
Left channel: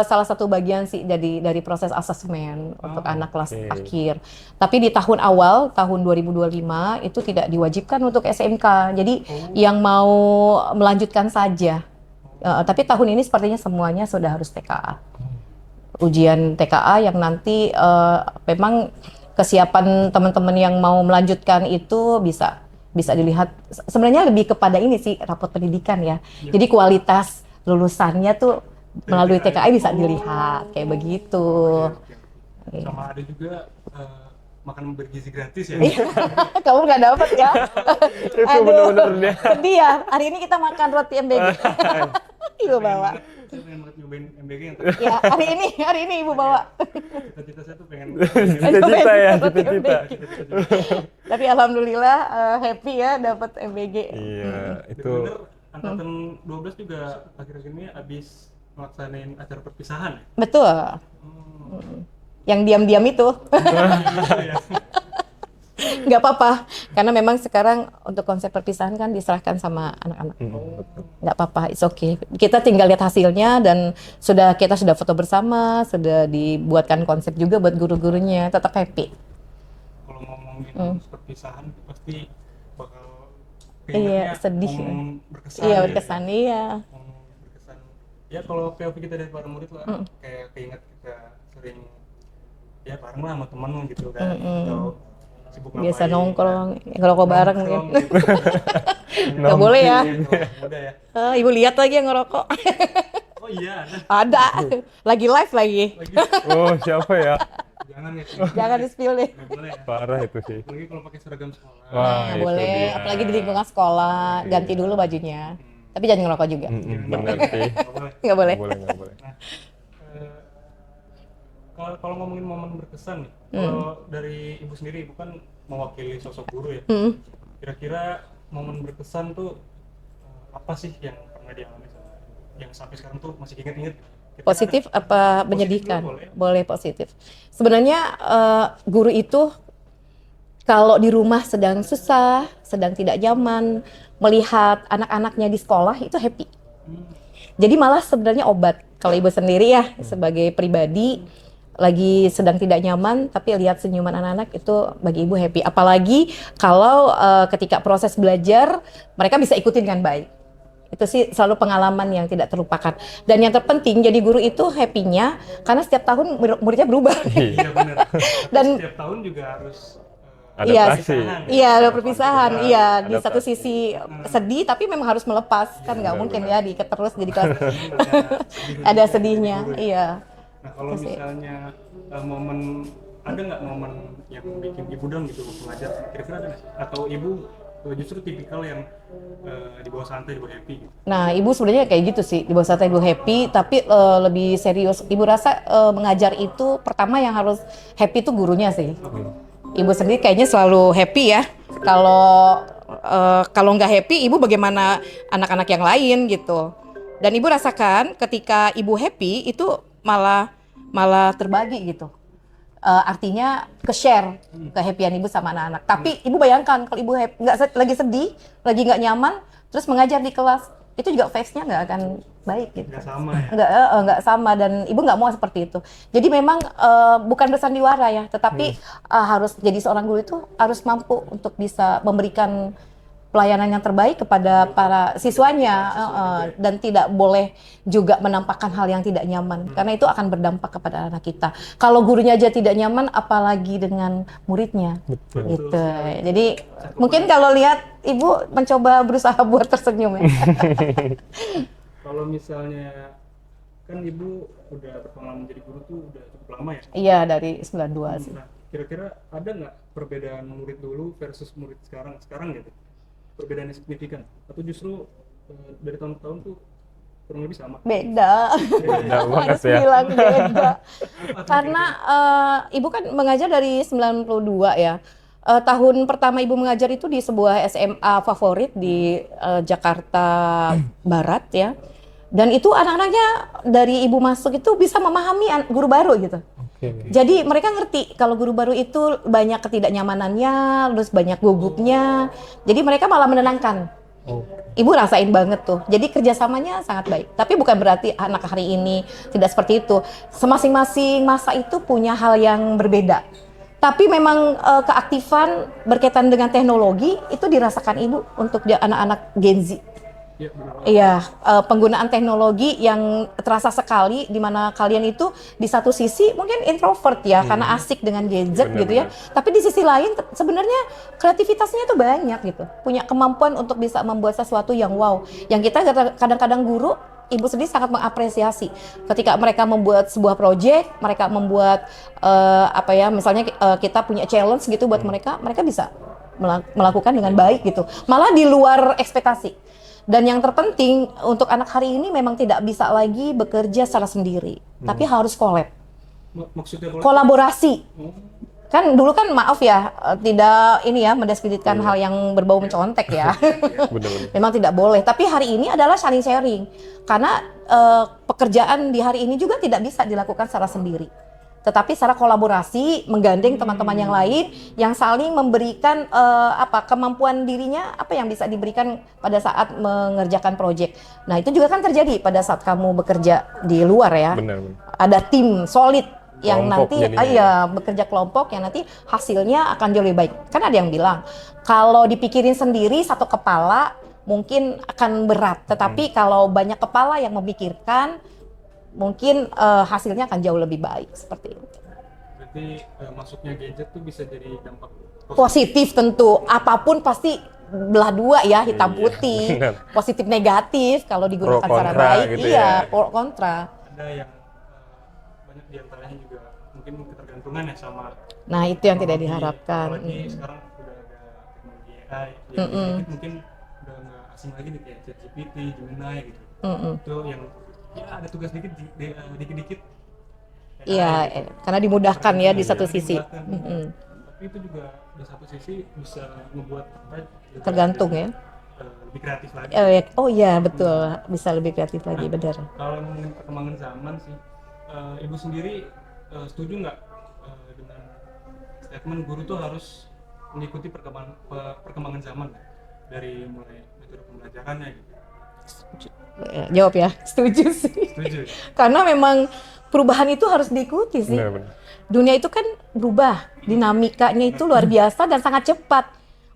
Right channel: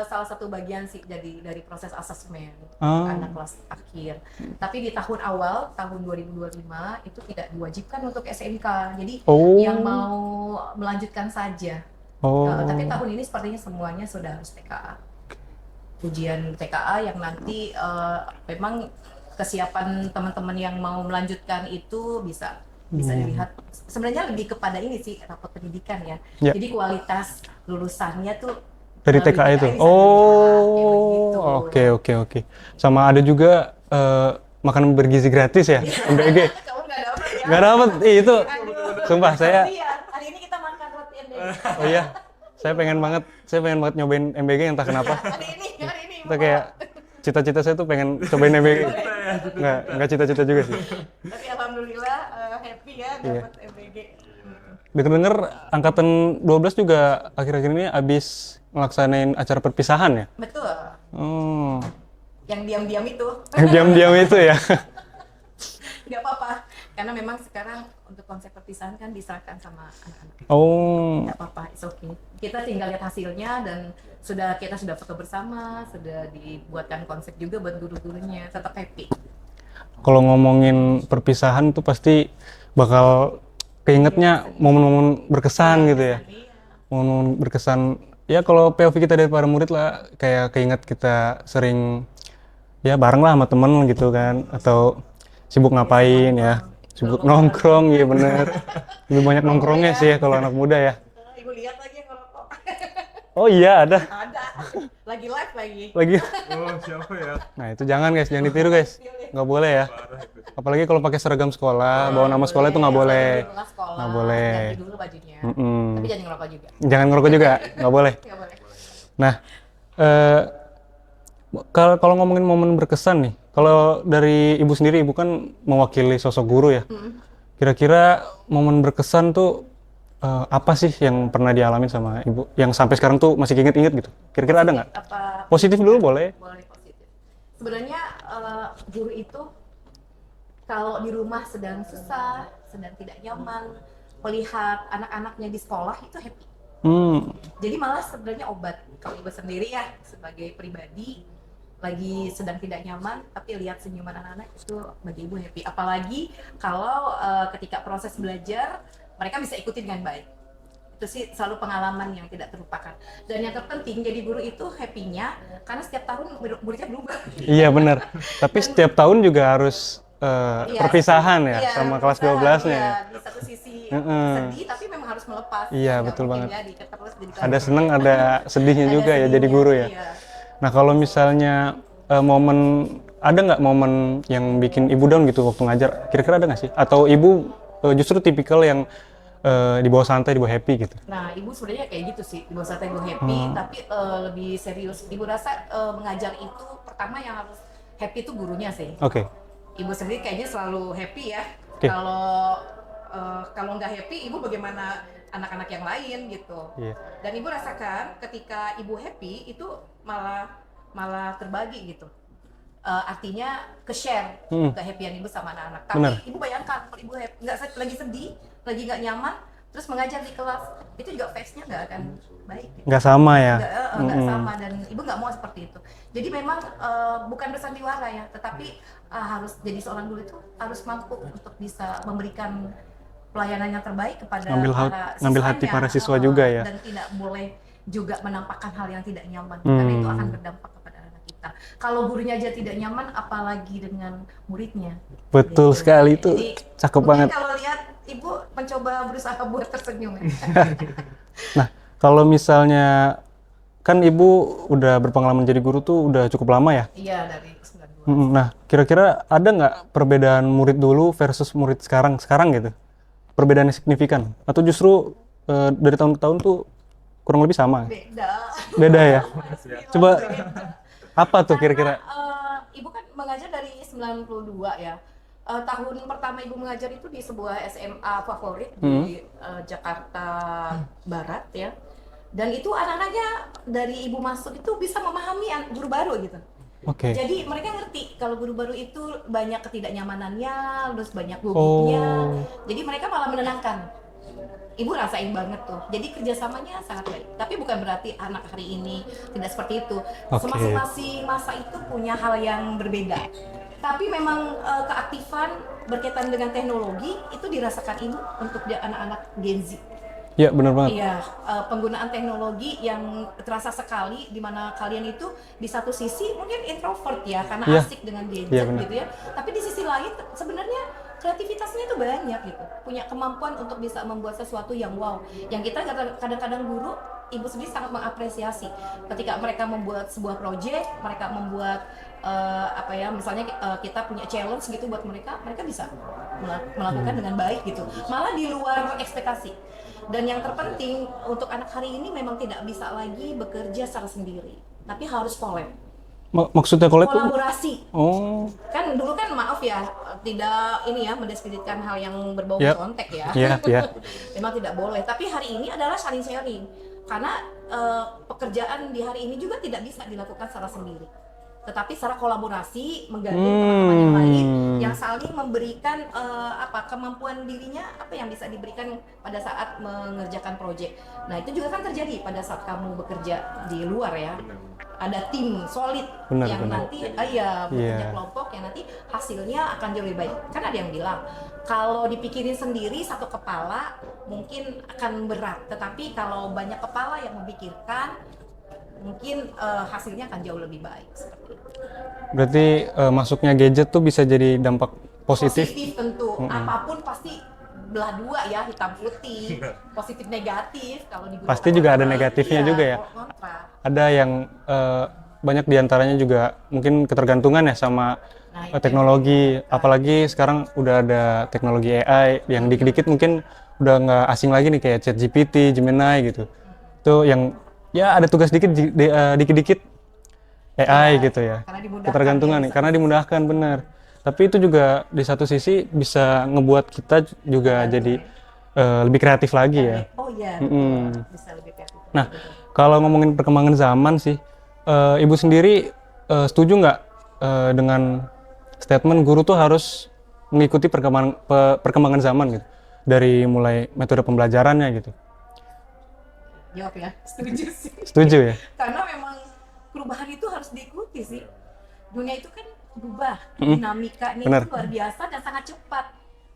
salah satu bagian sih dari proses asesmen untuk anak kelas akhir. Tapi di tahun awal, tahun 2025 itu tidak diwajibkan untuk SMK. Jadi yang mau melanjutkan saja. Oh. Tapi tahun ini sepertinya semuanya sudah harus TKA. Ujian TKA yang nanti memang kesiapan teman-teman yang mau melanjutkan itu bisa dilihat. Sebenarnya lebih kepada ini sih, rapot pendidikan ya. Ya. Jadi kualitas lulusannya tuh Dari melalui TKA TKA itu? bisa dilihat kayak begitu. Oke. Sama ada juga makanan bergizi gratis ya, MBG. Kamu nggak dapat ya? Nggak dapet, itu Aduh, sumpah saya. sedih ya. Hari ini kita makan roti MBG. Iya, Ibu bawa. saya pengen banget nyobain MBG entah Ya, kenapa. hari ini Ibu Itu bawa. kayak cita-cita saya tuh pengen cobain MBG. Cita-cita ya, Roti Nggak, MBG. nggak cita-cita juga sih. Tapi alhamdulillah happy ya dapat MBG. Iya. Denger-denger angkatan 12 juga akhir-akhir ini abis ngelaksanain acara perpisahan ya? Betul. Oh, Yang diam-diam itu. diam-diam itu ya. Nggak apa-apa, karena memang sekarang untuk konsep perpisahan kan diserahkan sama anak-anak. Oh, Nggak apa-apa, it's okay. Kita tinggal lihat hasilnya dan kita sudah foto bersama, sudah dibuatkan konsep juga buat guru-gurunya, tetap happy. kalau ngomongin perpisahan tuh pasti bakal keingetnya Iya, sedih. momen-momen berkesan Iya, gitu ya. kesan, iya. Momen-momen berkesan. Ya kalau POV kita dari para murid lah, kayak keinget kita sering ya bareng lah sama temen gitu kan, atau sibuk Biasa ngapain ya, nongkrong, sibuk ngerokok bareng nongkrong, iya bener. Lebih banyak Nggak boleh nongkrongnya ya. sih kalau anak muda ya. Ibu lihat lagi yang ngerokok. Oh iya ada. Ada, lagi live lagi. Lagi. Oh, siapa ya? Nah itu jangan guys, jangan ditiru Jangan guys. di-spill deh. Nggak boleh ya. Parah itu sih. Apalagi kalau pakai seragam sekolah, bawa nama sekolah itu nggak boleh. Lagi di lingkungan sekolah, Nggak boleh. ganti dulu bajunya. Tapi jangan ngerokok juga. Jangan ngerokok juga, nggak boleh. Nggak boleh. Boleh, nggak boleh. Nah, kalau ngomongin momen berkesan nih, kalau dari ibu sendiri, ibu kan mewakili sosok guru ya. Kira-kira momen berkesan tuh apa sih yang pernah dialami sama ibu, yang sampai sekarang tuh masih inget-inget gitu? Kira-kira ada Positif nggak? apa Positif dulu menyedihkan? boleh. Boleh positif. Sebenarnya guru itu kalau di rumah sedang susah, sedang tidak nyaman, melihat anak-anaknya di sekolah itu happy. Jadi malah sebenarnya obat. Kalau ibu sendiri ya sebagai pribadi lagi sedang tidak nyaman, tapi lihat senyuman anak-anak itu bagi ibu happy. Apalagi kalau ketika proses belajar mereka bisa ikutin dengan baik. Itu sih selalu pengalaman yang tidak terlupakan. Dan yang terpenting jadi guru itu happy-nya karena setiap tahun muridnya berubah. Iya benar. Tapi Dan- setiap tahun juga harus ada Iya, perpisahan ya. Iya, ada sama kelas perpisahan. 12 ya. Iya, di satu sisi sedih tapi memang harus melepas. Iya, Kan nggak betul mungkin banget. ya diikat terus jadi kelas. Ada seneng, ada sedihnya Ada juga ya sedihnya. jadi guru ya. Iya. Nah kalau misalnya ada nggak momen yang bikin ibu down gitu waktu ngajar? Kira-kira ada nggak sih? Atau ibu justru tipikal yang di bawah santai, di bawah happy gitu. Nah, ibu sebenarnya kayak gitu sih, di bawah santai ibu happy, tapi lebih serius. Ibu rasa mengajar itu pertama yang harus happy itu gurunya sih. Oke. Ibu sendiri kayaknya selalu happy ya. Kalau nggak happy, ibu bagaimana anak-anak yang lain gitu. Iya. Dan ibu rasakan ketika ibu happy itu malah terbagi gitu. Artinya ke-share kehappyan ibu sama anak-anak. Tapi ibu bayangkan kalau ibu lagi sedih, lagi nggak nyaman, terus mengajar di kelas, itu juga vibes-nya nggak akan baik gitu. Nggak sama ya? Nggak sama, dan ibu nggak mau seperti itu. Jadi memang bukan bersandiwara ya, tetapi harus jadi seorang guru itu harus mampu untuk bisa memberikan pelayanan yang terbaik kepada para siswanya, para siswa juga ya. Dan tidak boleh juga menampakkan hal yang tidak nyaman, karena itu akan berdampak kepada anak kita. Kalau gurunya aja tidak nyaman, apalagi dengan muridnya. Betul gitu. sekali itu. Jadi cakep mungkin banget. kalau lihat ibu mencoba berusaha buat tersenyum ya. Nah, kalau misalnya kan ibu udah berpengalaman jadi guru tuh udah cukup lama ya? Iya, dari 92. Nah, kira-kira ada nggak perbedaan murid dulu versus murid sekarang gitu? Perbedaan yang signifikan? Atau justru dari tahun ke tahun tuh kurang lebih sama? Beda. Beda ya? Harus ya. bilang Coba. beda. Apa tuh kira-kira? Karena ibu kan mengajar dari 92 ya. Tahun pertama ibu mengajar itu di sebuah SMA favorit di Jakarta Barat ya. Dan itu anak-anaknya dari ibu masuk itu bisa memahami guru baru gitu. Oke. Jadi mereka ngerti kalau guru baru itu banyak ketidaknyamanannya, terus banyak gugupnya. Jadi mereka malah menenangkan. Ibu rasain banget tuh. Jadi kerjasamanya sangat baik. Tapi bukan berarti anak hari ini tidak seperti itu. Masing-masing masa itu punya hal yang berbeda. Tapi memang keaktifan berkaitan dengan teknologi itu dirasakan ibu untuk anak-anak Gen Z. Ya, benar banget. Iya, penggunaan teknologi yang terasa sekali, di mana kalian itu di satu sisi mungkin introvert ya, karena asik dengan gadget gitu ya. Tapi di sisi lain sebenarnya kreativitasnya itu banyak gitu, punya kemampuan untuk bisa membuat sesuatu yang wow. Yang kita kadang-kadang guru, ibu sendiri sangat mengapresiasi ketika mereka membuat sebuah proyek, mereka membuat misalnya kita punya challenge gitu buat mereka bisa melakukan dengan baik gitu, malah di luar ekspektasi. Dan yang terpenting untuk anak hari ini memang tidak bisa lagi bekerja secara sendiri, tapi harus collab. Maksudnya kolaborasi. Oh. Kan dulu kan maaf ya, tidak ini ya mendiskreditkan hal yang berbau mencontek ya. Iya, Benar-benar. Memang tidak boleh, tapi hari ini adalah saling sharing. Karena pekerjaan di hari ini juga tidak bisa dilakukan secara sendiri. Tetapi secara kolaborasi, menggandeng teman-teman yang lain yang saling memberikan kemampuan dirinya, apa yang bisa diberikan pada saat mengerjakan proyek. Nah, itu juga kan terjadi pada saat kamu bekerja di luar ya. Benar. Ada tim solid yang Kelompok nanti jadinya. bekerja kelompok yang nanti hasilnya akan jauh lebih baik. Kan ada yang bilang kalau dipikirin sendiri satu kepala mungkin akan berat, tetapi kalau banyak kepala yang memikirkan mungkin hasilnya akan jauh lebih baik seperti itu. Berarti masuknya gadget tuh bisa jadi dampak Positif tentu, apapun pasti belah dua ya, hitam putih, positif negatif. Kalau digunakan Pasti juga ada baik, negatifnya juga ya? pro kontra. Ada yang banyak diantaranya juga mungkin ketergantungan ya sama Nah, itu yang tidak teknologi, diharapkan. apalagi sekarang udah ada teknologi AI yang dikit-dikit mungkin udah nggak asing lagi nih kayak ChatGPT, Gemini gitu. Itu yang ya ada tugas dikit-dikit AI Iya, gitu ya. karena dimudahkan ya Ketergantungan di nih, satu karena sisi. dimudahkan benar. Tapi itu juga di satu sisi bisa ngebuat kita juga Tergantung jadi ya. lebih kreatif lagi ya. Oh iya betul, bisa lebih kreatif lagi, benar. Kalau ngomongin perkembangan zaman sih, ibu sendiri setuju nggak dengan statement guru tuh harus mengikuti perkembangan zaman gitu, dari mulai metode pembelajarannya gitu. Jawab ya, setuju sih. Setuju ya? Karena memang perubahan itu harus diikuti sih. Benar. Dunia itu kan berubah, dinamikanya itu luar biasa dan sangat cepat.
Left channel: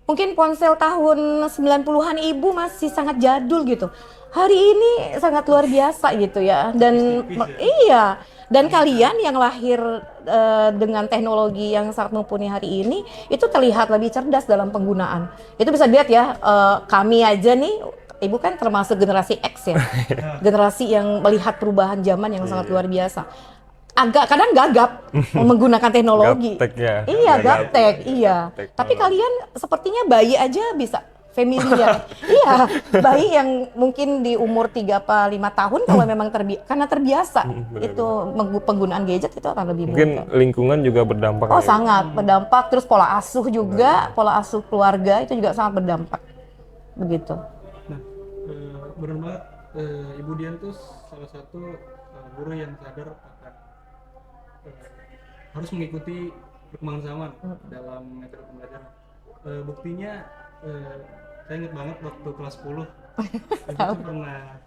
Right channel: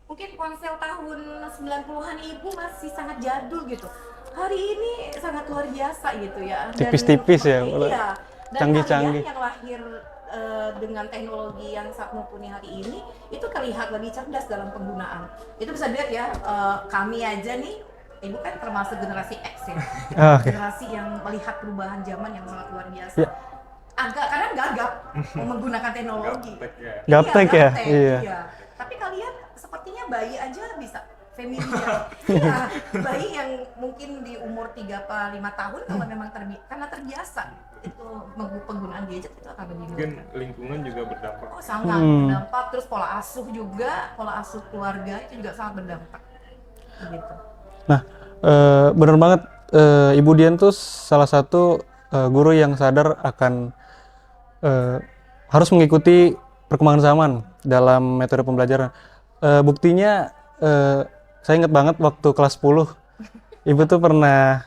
Mungkin ponsel tahun 90-an ibu masih sangat jadul gitu. Hari ini sangat luar biasa gitu ya. Dan Tipis-tipis ya. Iya. Dan Canggih-canggih. kalian yang lahir dengan teknologi yang sangat mumpuni hari ini itu terlihat lebih cerdas dalam penggunaan. Itu bisa dilihat ya, kami aja nih, ibu kan termasuk generasi X ya. Generasi yang melihat perubahan zaman yang sangat luar biasa. Agak kadang gagap menggunakan teknologi. Gaptek ya. Iya, Gaptek ya? gaptek, Iya. iya. Tapi kalian sepertinya bayi aja bisa familiar. Iya, bayi yang mungkin di umur 3 apa 5 tahun kalau memang karena terbiasa itu penggunaan gadget itu akan lebih Mungkin mudah. lingkungan juga berdampak. Oh, ya. sangat berdampak. Terus pola asuh juga, pola asuh keluarga itu juga sangat berdampak. Begitu. Nah, bener banget, Ibu Dian tuh salah satu guru yang sadar akan harus mengikuti perkembangan zaman dalam metode pembelajaran. Buktinya, saya ingat banget waktu kelas 10, Ibu tuh pernah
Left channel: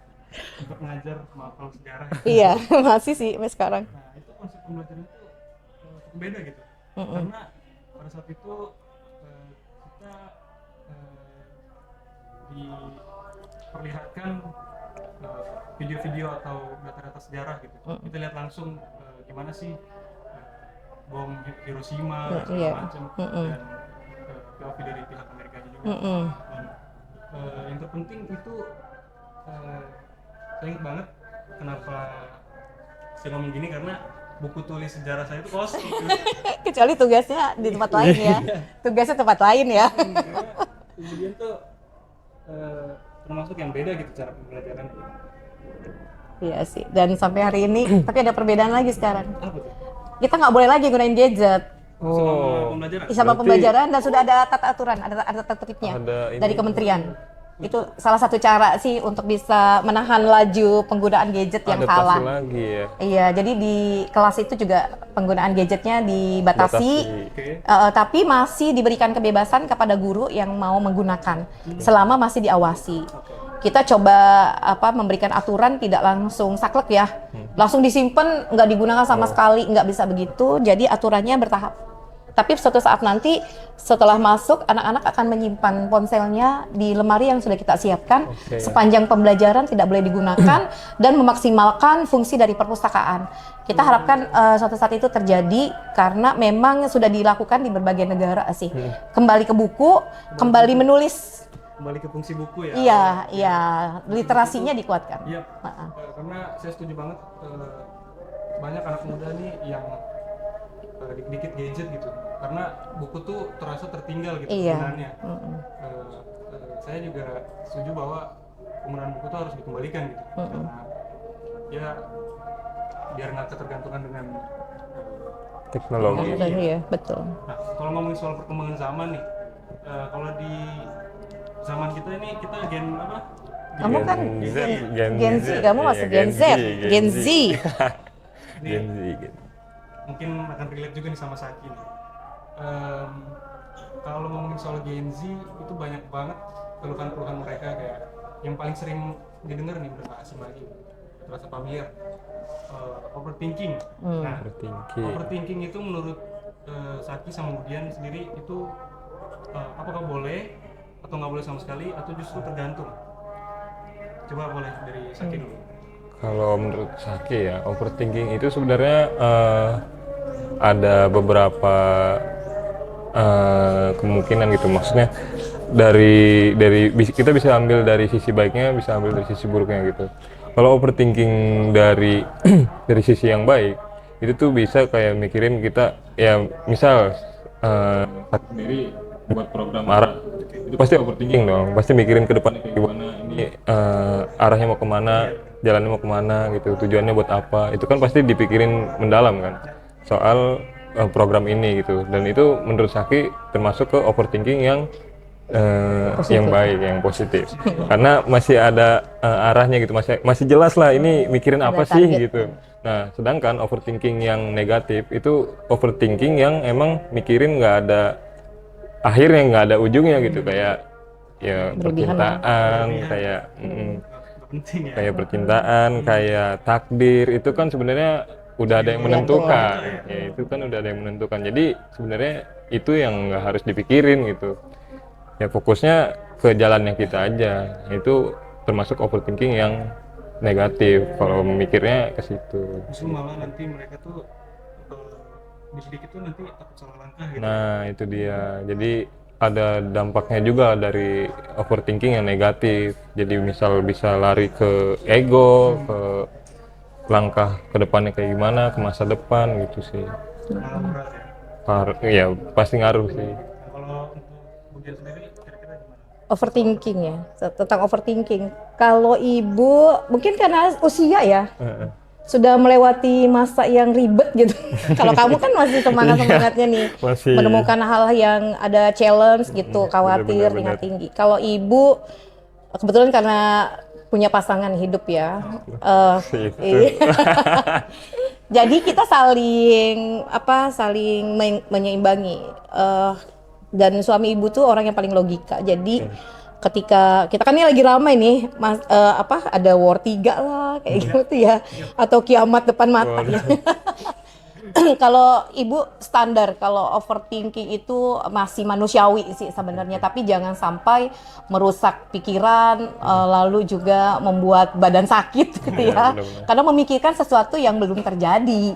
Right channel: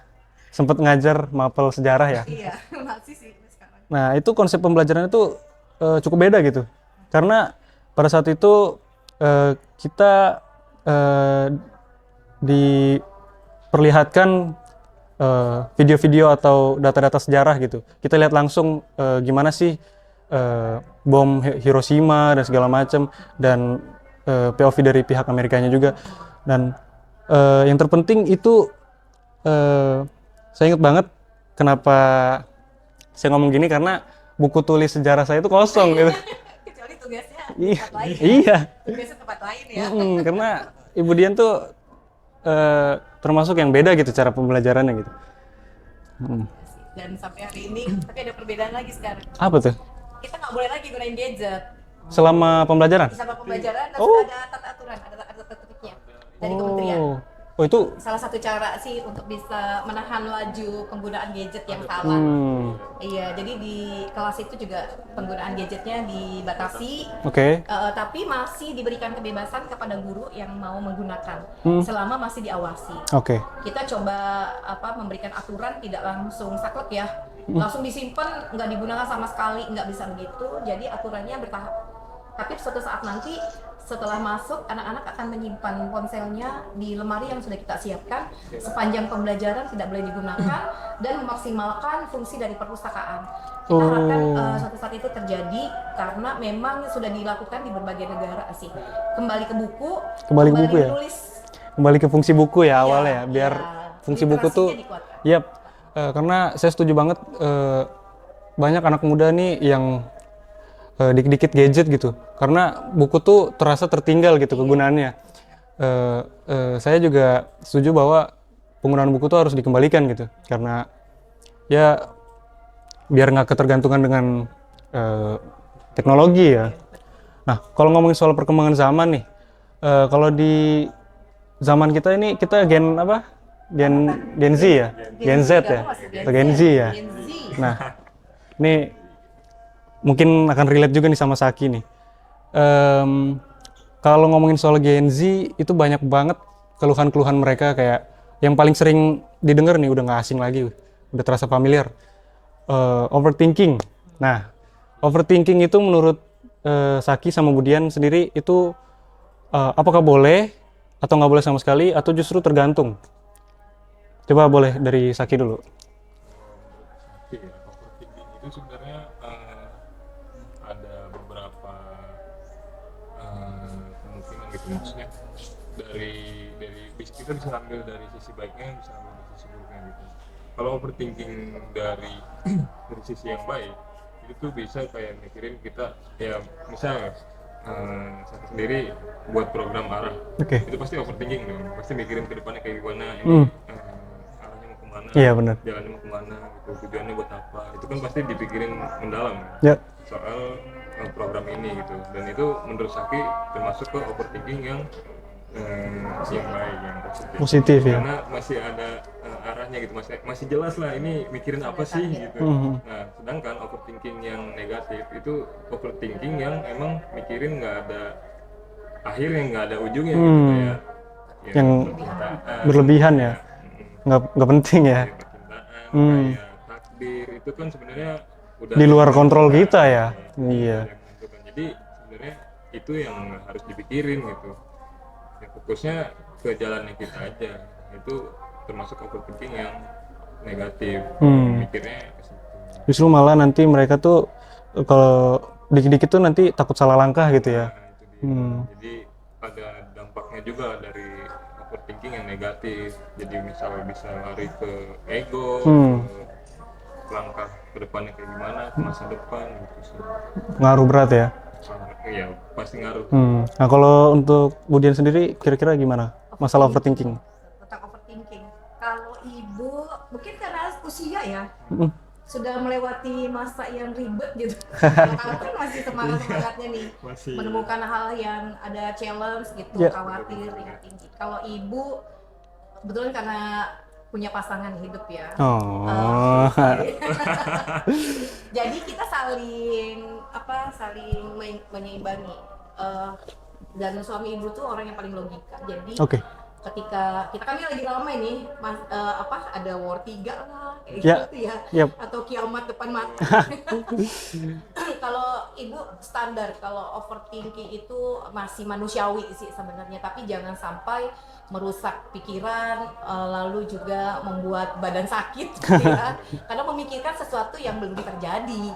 sempat ngajar mapel sejarah ya. Iya, masih sih sampai sekarang. Nah, itu konsep pembelajaran itu cukup beda gitu. Karena pada saat itu kita diperlihatkan video-video atau data-data sejarah gitu. Kita lihat langsung gimana sih bom Hiroshima dan segala macam, dan POV dari pihak Amerikanya juga. Dan yang terpenting itu saya ingat banget kenapa saya ngomong gini, karena buku tulis sejarah saya itu kosong gitu. Kecuali tugasnya di tempat lain ya. Iya. Tugasnya tempat lain ya. Karena Ibu Dian tuh termasuk yang beda gitu cara pembelajarannya gitu. Iya sih. Dan sampai hari ini, tapi ada perbedaan lagi sekarang. Apa tuh? Kita nggak boleh lagi gunain gadget Selama pembelajaran? sama pembelajaran, dan sudah ada tata aturan, ada tata tertibnya Ada ini. dari kementerian. Oh itu Salah satu cara sih untuk bisa menahan laju penggunaan gadget yang Adaptasi kalah. lagi ya. Iya, jadi di kelas itu juga penggunaan gadgetnya dibatasi. oke. Tapi masih diberikan kebebasan kepada guru yang mau menggunakan selama masih diawasi. Oke. Kita coba memberikan aturan tidak langsung saklek ya, langsung disimpan nggak digunakan sama sekali, nggak bisa begitu. Jadi aturannya bertahap. Tapi suatu saat nanti setelah masuk, anak-anak akan menyimpan ponselnya di lemari yang sudah kita siapkan. Sepanjang pembelajaran tidak boleh digunakan dan memaksimalkan fungsi dari perpustakaan. Kita harapkan suatu saat itu terjadi karena memang sudah dilakukan di berbagai negara sih. Kembali ke buku, Kembali kembali buku ya? menulis. Kembali ke fungsi buku ya Iya, awalnya, biar iya. fungsi buku tuh. Literasinya dikuatkan. Yap. Karena saya setuju banget, banyak anak muda nih yang dikit-dikit gadget gitu, karena buku tuh terasa tertinggal gitu kegunaannya. Saya juga setuju bahwa penggunaan buku tuh harus dikembalikan gitu, karena ya biar nggak ketergantungan dengan teknologi ya. Iya, betul. Nah, kalau ngomongin soal perkembangan zaman nih, kalau di zaman kita ini kita gen apa? Gen Z ya? Gen Z ya? Kamu masuk Gen Z. Gen Z ya? Gen Z. Nah, ini mungkin akan relate juga nih sama Saki nih. Kalau ngomongin soal Gen Z, itu banyak banget keluhan-keluhan mereka, kayak yang paling sering didengar nih, udah nggak asing lagi, udah terasa familiar. Overthinking. Nah, overthinking itu menurut Saki sama Budian sendiri itu apakah boleh atau nggak boleh sama sekali, atau justru tergantung? Coba boleh dari Saki dulu. Kalau menurut Saki ya, overthinking itu sebenarnya ada beberapa kemungkinan gitu. Maksudnya dari kita bisa ambil dari sisi baiknya, bisa ambil dari sisi buruknya gitu. Kalau overthinking dari dari sisi yang baik, itu tuh bisa kayak mikirin kita ya, misal Saki sendiri buat program arah, itu pasti overthinking dong, pasti mikirin ke depannya kayak gimana, ini arahnya mau kemana, Iya, bener. jalannya mau kemana gitu, tujuannya buat apa, itu kan pasti dipikirin mendalam kan, Ya. soal program ini gitu. Dan itu menurut Saki termasuk ke overthinking yang baik, yang positif, Positif, ya. karena masih ada arahnya gitu, masih jelas lah ini mikirin apa sih gitu. Nah, sedangkan overthinking yang negatif itu overthinking yang emang mikirin nggak ada akhirnya, nggak ada ujungnya gitu, kayak ya Yang percintaan, berlebihan ya? kayak, Nggak penting ya? kayak percintaan, kayak takdir, itu kan sebenarnya udah Di ada yang luar kontrol menentukan. kita ya? Itu kan udah ada yang menentukan. Jadi sebenarnya itu yang nggak harus dipikirin gitu. Ya fokusnya ke jalannya kita aja. Itu termasuk overthinking yang negatif kalau memikirnya ke situ. Justru malah nanti mereka tuh kalau dikit-dikit tuh nanti takut salah langkah gitu ya? Nah, itu dia. Jadi ada dampaknya juga dari overthinking yang negatif. Jadi misal bisa lari ke ego, ke langkah ke depannya kayak gimana, ke masa depan gitu sih. Ngaruh berat ya? Ya pasti ngaruh sih. Nah kalau untuk Budian sendiri kira-kira gimana? Masalah overthinking. Tentang overthinking. Kalau ibu mungkin karena usia ya, sudah melewati masa yang ribet gitu. Kalau kamu kan masih semangat-semangatnya nih, Masih. menemukan hal yang ada challenge gitu, khawatir, benar-benar. tingkat tinggi. Kalau ibu kebetulan karena punya pasangan hidup ya. Iya. Jadi kita saling menyeimbangi. Dan suami ibu tuh orang yang paling logika. Jadi Oke. ketika kita kan ini lagi ramai nih, ada War 3 lah kayak Ya. gitu ya. Yap. Atau kiamat depan mata. Kalau ibu standar, kalau overthinking itu masih manusiawi sih sebenarnya, tapi jangan sampai merusak pikiran, lalu juga membuat badan sakit gitu ya. Karena memikirkan sesuatu yang belum terjadi.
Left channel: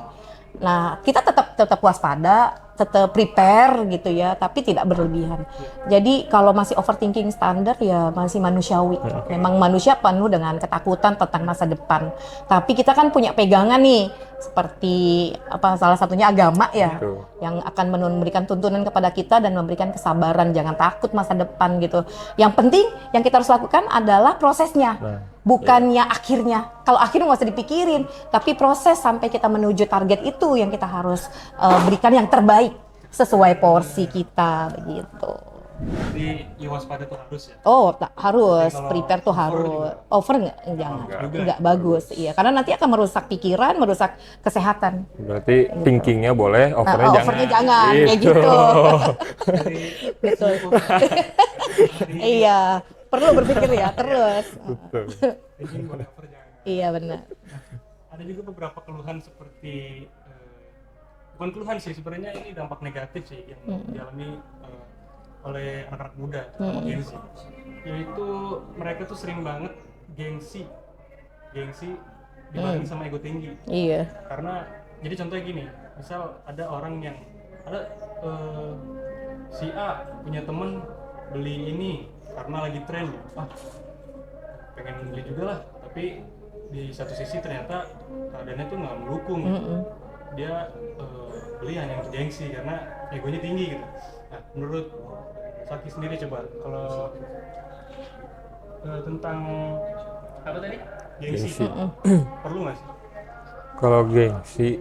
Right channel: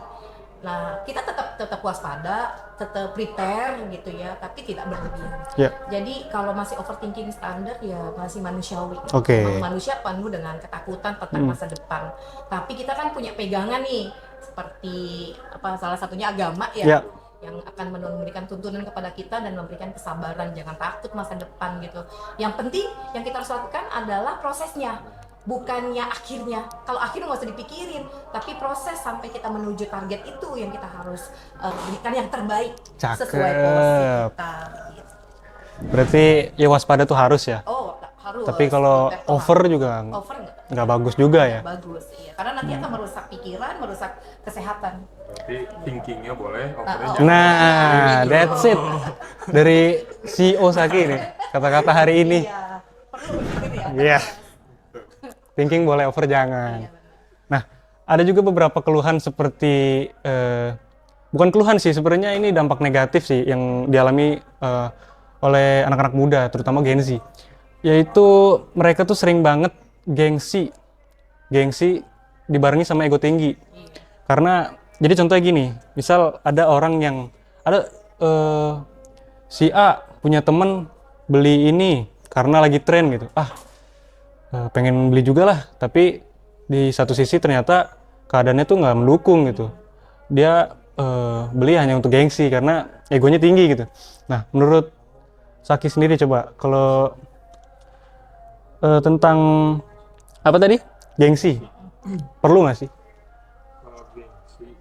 Nah, kita tetap waspada, tetap prepare gitu ya, tapi tidak berlebihan. Ya. Jadi kalau masih overthinking standar ya masih manusiawi. Oke. Memang manusia penuh dengan ketakutan tentang masa depan. Tapi kita kan punya pegangan nih, seperti salah satunya agama ya, Ya. yang akan memberikan tuntunan kepada kita dan memberikan kesabaran, jangan takut masa depan gitu. Yang penting yang kita harus lakukan adalah prosesnya. Bukannya akhirnya. Kalau akhirnya nggak usah dipikirin, tapi proses sampai kita menuju target itu yang kita harus berikan yang terbaik. Cakep. Sesuai porsi kita begitu. Berarti ya waspada tuh harus ya. Oh, harus. Tapi kalau prepare tuh over harus. juga over nggak bagus juga nggak ya? bagus, iya. Karena nanti akan merusak pikiran, merusak kesehatan. Berarti thinkingnya boleh, overnya overnya jangan. jangan. Kayak gitu. that's it. Dari CEO Saki nih, kata-kata hari ini. Iya, perlu berpikir ya Iya. terus. Thinking boleh, over jangan. Iya benar. Nah, ada juga beberapa keluhan seperti bukan keluhan sih, sebenarnya ini dampak negatif sih yang dialami oleh anak-anak muda, terutama Gen Z. Yaitu mereka tuh sering banget gengsi dibarengi sama ego tinggi. Iya. Karena jadi contohnya gini, misal ada orang yang si A punya temen beli ini karena lagi tren gitu. Pengen beli juga lah, tapi di satu sisi ternyata keadaannya tuh nggak mendukung gitu. Dia beli hanya untuk gengsi karena egonya tinggi gitu. Nah, menurut Saki sendiri coba kalau tentang apa tadi? Gengsi. Perlu nggak sih? Kalau gengsi,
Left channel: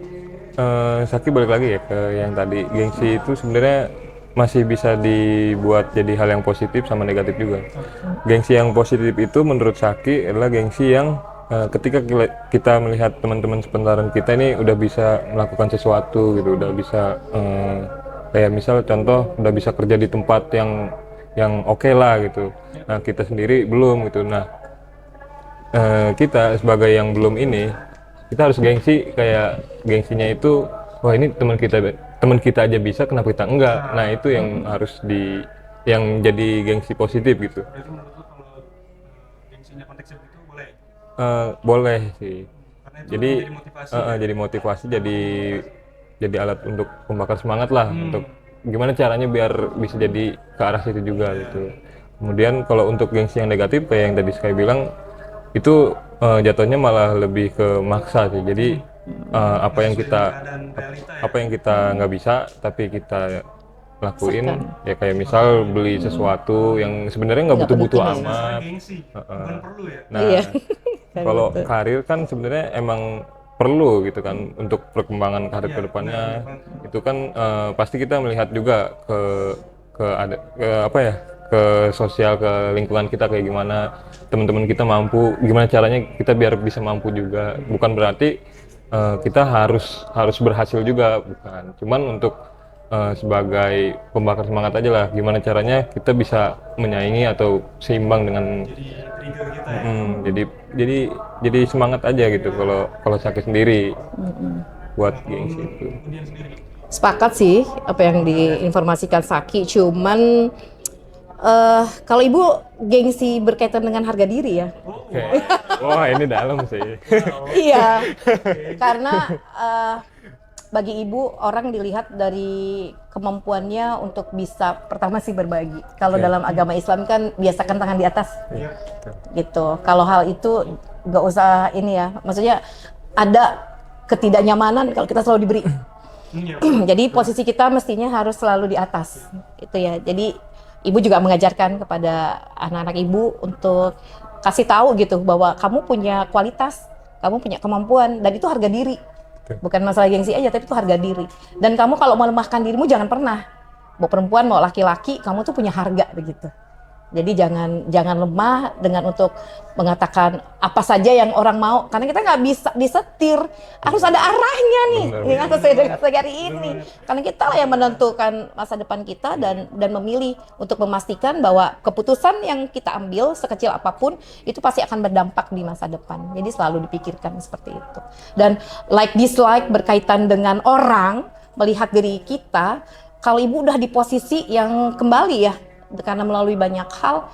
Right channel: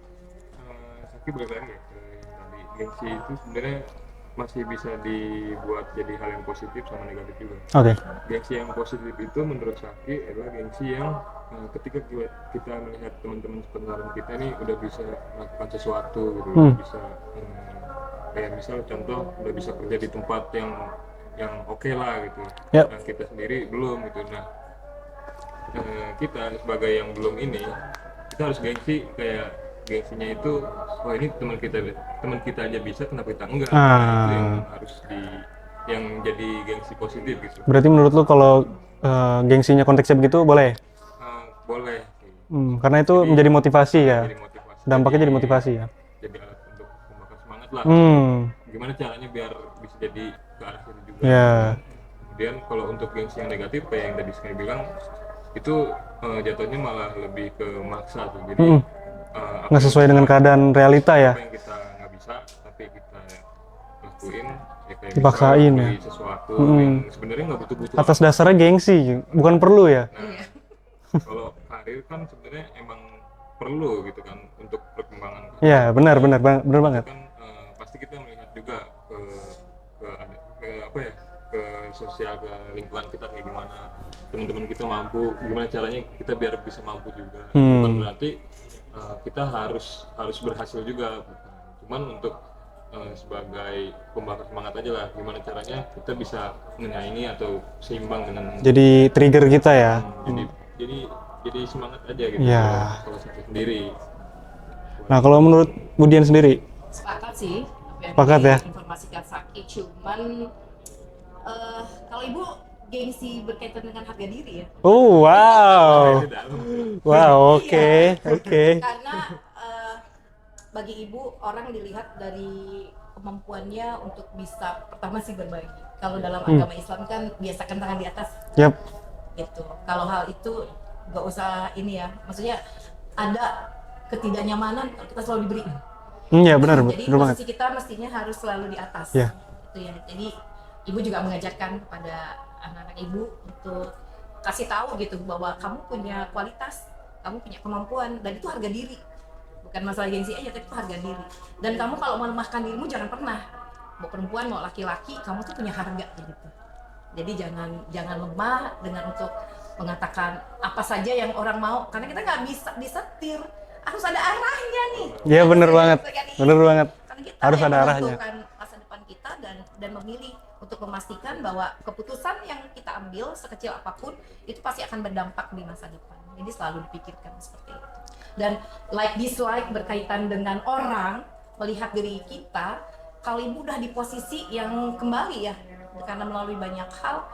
Saki balik lagi ya ke yang tadi. Gengsi itu sebenarnya masih bisa dibuat jadi hal yang positif sama negatif juga. Oke. Gengsi yang positif itu menurut Saki adalah gengsi yang ketika kita melihat teman-teman sepentaran kita ini udah bisa melakukan sesuatu gitu, udah bisa kayak misal contoh udah bisa kerja di tempat yang oke lah gitu. Yap. Nah kita sendiri belum gitu. Nah kita sebagai yang belum ini, kita harus gengsi, kayak gengsinya itu wah ini teman kita aja bisa, kenapa kita enggak? Nah itu yang harus yang jadi gengsi positif gitu. Berarti menurut lu kalau gengsinya konteksnya begitu boleh? Boleh sih. Karena itu menjadi motivasi ya. Jadi motivasi. Dampaknya jadi motivasi ya. Jadi alat untuk pembakar semangat lah. Untuk gimana caranya biar bisa jadi ke arah situ juga. Ya. Gitu. Kemudian kalau untuk gengsi yang negatif kayak yang tadi Sky bilang, itu jatuhnya malah lebih ke maksa sih. Jadi apa Nggak yang sesuai dengan keadaan realita ya. apa yang kita nggak bisa tapi kita lakuin, ya kayak misal Dipaksain. beli sesuatu yang sebenarnya nggak butuh-butuh Atas amat. dasarnya gengsi, bukan perlu ya. Nah, Iya. kalau karir kan sebenarnya emang perlu gitu kan untuk perkembangan karir. Iya, ke depannya. benar Itu banget. kan pasti kita melihat juga ke apa ya, ke sosial, ke lingkungan kita kayak gimana, teman-teman kita mampu, gimana caranya kita biar bisa mampu juga. Bukan berarti kita harus berhasil juga, bukan. Cuman untuk sebagai pembakar semangat aja lah, gimana caranya kita bisa menyaingi atau seimbang dengan Jadi trigger kita ya. jadi semangat aja gitu. Ya. Kalau sakit sendiri buat Nah, kalau menurut Budian sendiri, Sepakat sih apa yang Sepakat ya? diinformasikan Saki. Cuman kalau ibu gengsi berkaitan dengan harga diri ya. oh wow, ini dalam sih. wow, oke, Iya. oke. Karena bagi ibu orang dilihat dari kemampuannya untuk bisa pertama sih berbagi. Kalau dalam agama Islam kan biasakan tangan di atas Yap, gitu. Kalau hal itu nggak usah ini ya. Maksudnya ada ketidaknyamanan kalau kita selalu diberi. Iya benar. Jadi benar posisi kita mestinya harus selalu di atas. Iya. Itu ya. Jadi ibu juga mengajarkan kepada anak-anak ibu untuk kasih tahu gitu bahwa kamu punya kualitas, kamu punya kemampuan, dan itu harga diri. Bukan masalah gengsi aja, tapi itu harga diri. Dan kamu kalau melemahkan dirimu jangan pernah. Mau perempuan mau laki-laki, kamu tuh punya harga begitu. Jadi jangan lemah dengan untuk mengatakan apa saja yang orang mau, karena kita nggak bisa disetir, harus ada arahnya nih. Iya benar banget. Benar banget. Karena kita Harus yang ada menentukan masa depan kita dan memilih untuk memastikan bahwa keputusan yang kita ambil sekecil apapun itu pasti akan berdampak di masa depan. Jadi selalu dipikirkan seperti itu. Dan like dislike berkaitan dengan orang melihat diri kita, kalau ibu udah di posisi yang kembali ya, karena melalui banyak hal,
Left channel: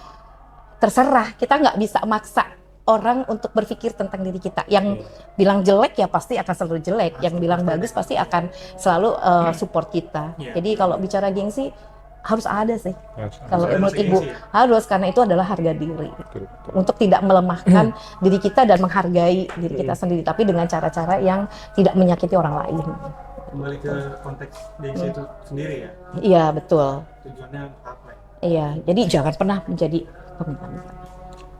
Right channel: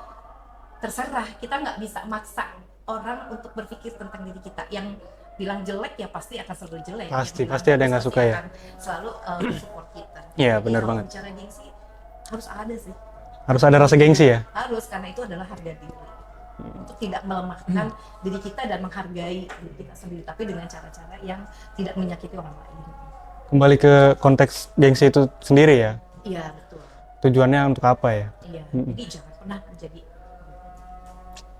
terserah, kita nggak bisa maksa orang untuk berpikir tentang diri kita. Yang bilang jelek ya pasti akan selalu jelek, yang bilang pasti ada bagus yang nggak pasti suka, ya. akan selalu support kita. Iya, Jadi benar kalau banget. bicara gengsi harus ada sih. Harus Kalau ada menurut rasa gengsi ibu, ya. Harus, karena itu adalah harga diri. Untuk tidak melemahkan diri kita dan menghargai diri kita sendiri, tapi dengan cara-cara yang tidak menyakiti orang lain. Kembali ke konteks gengsi itu sendiri ya. Iya, betul. Tujuannya untuk apa ya? Iya, jadi jangan pernah menjadi pemimpin.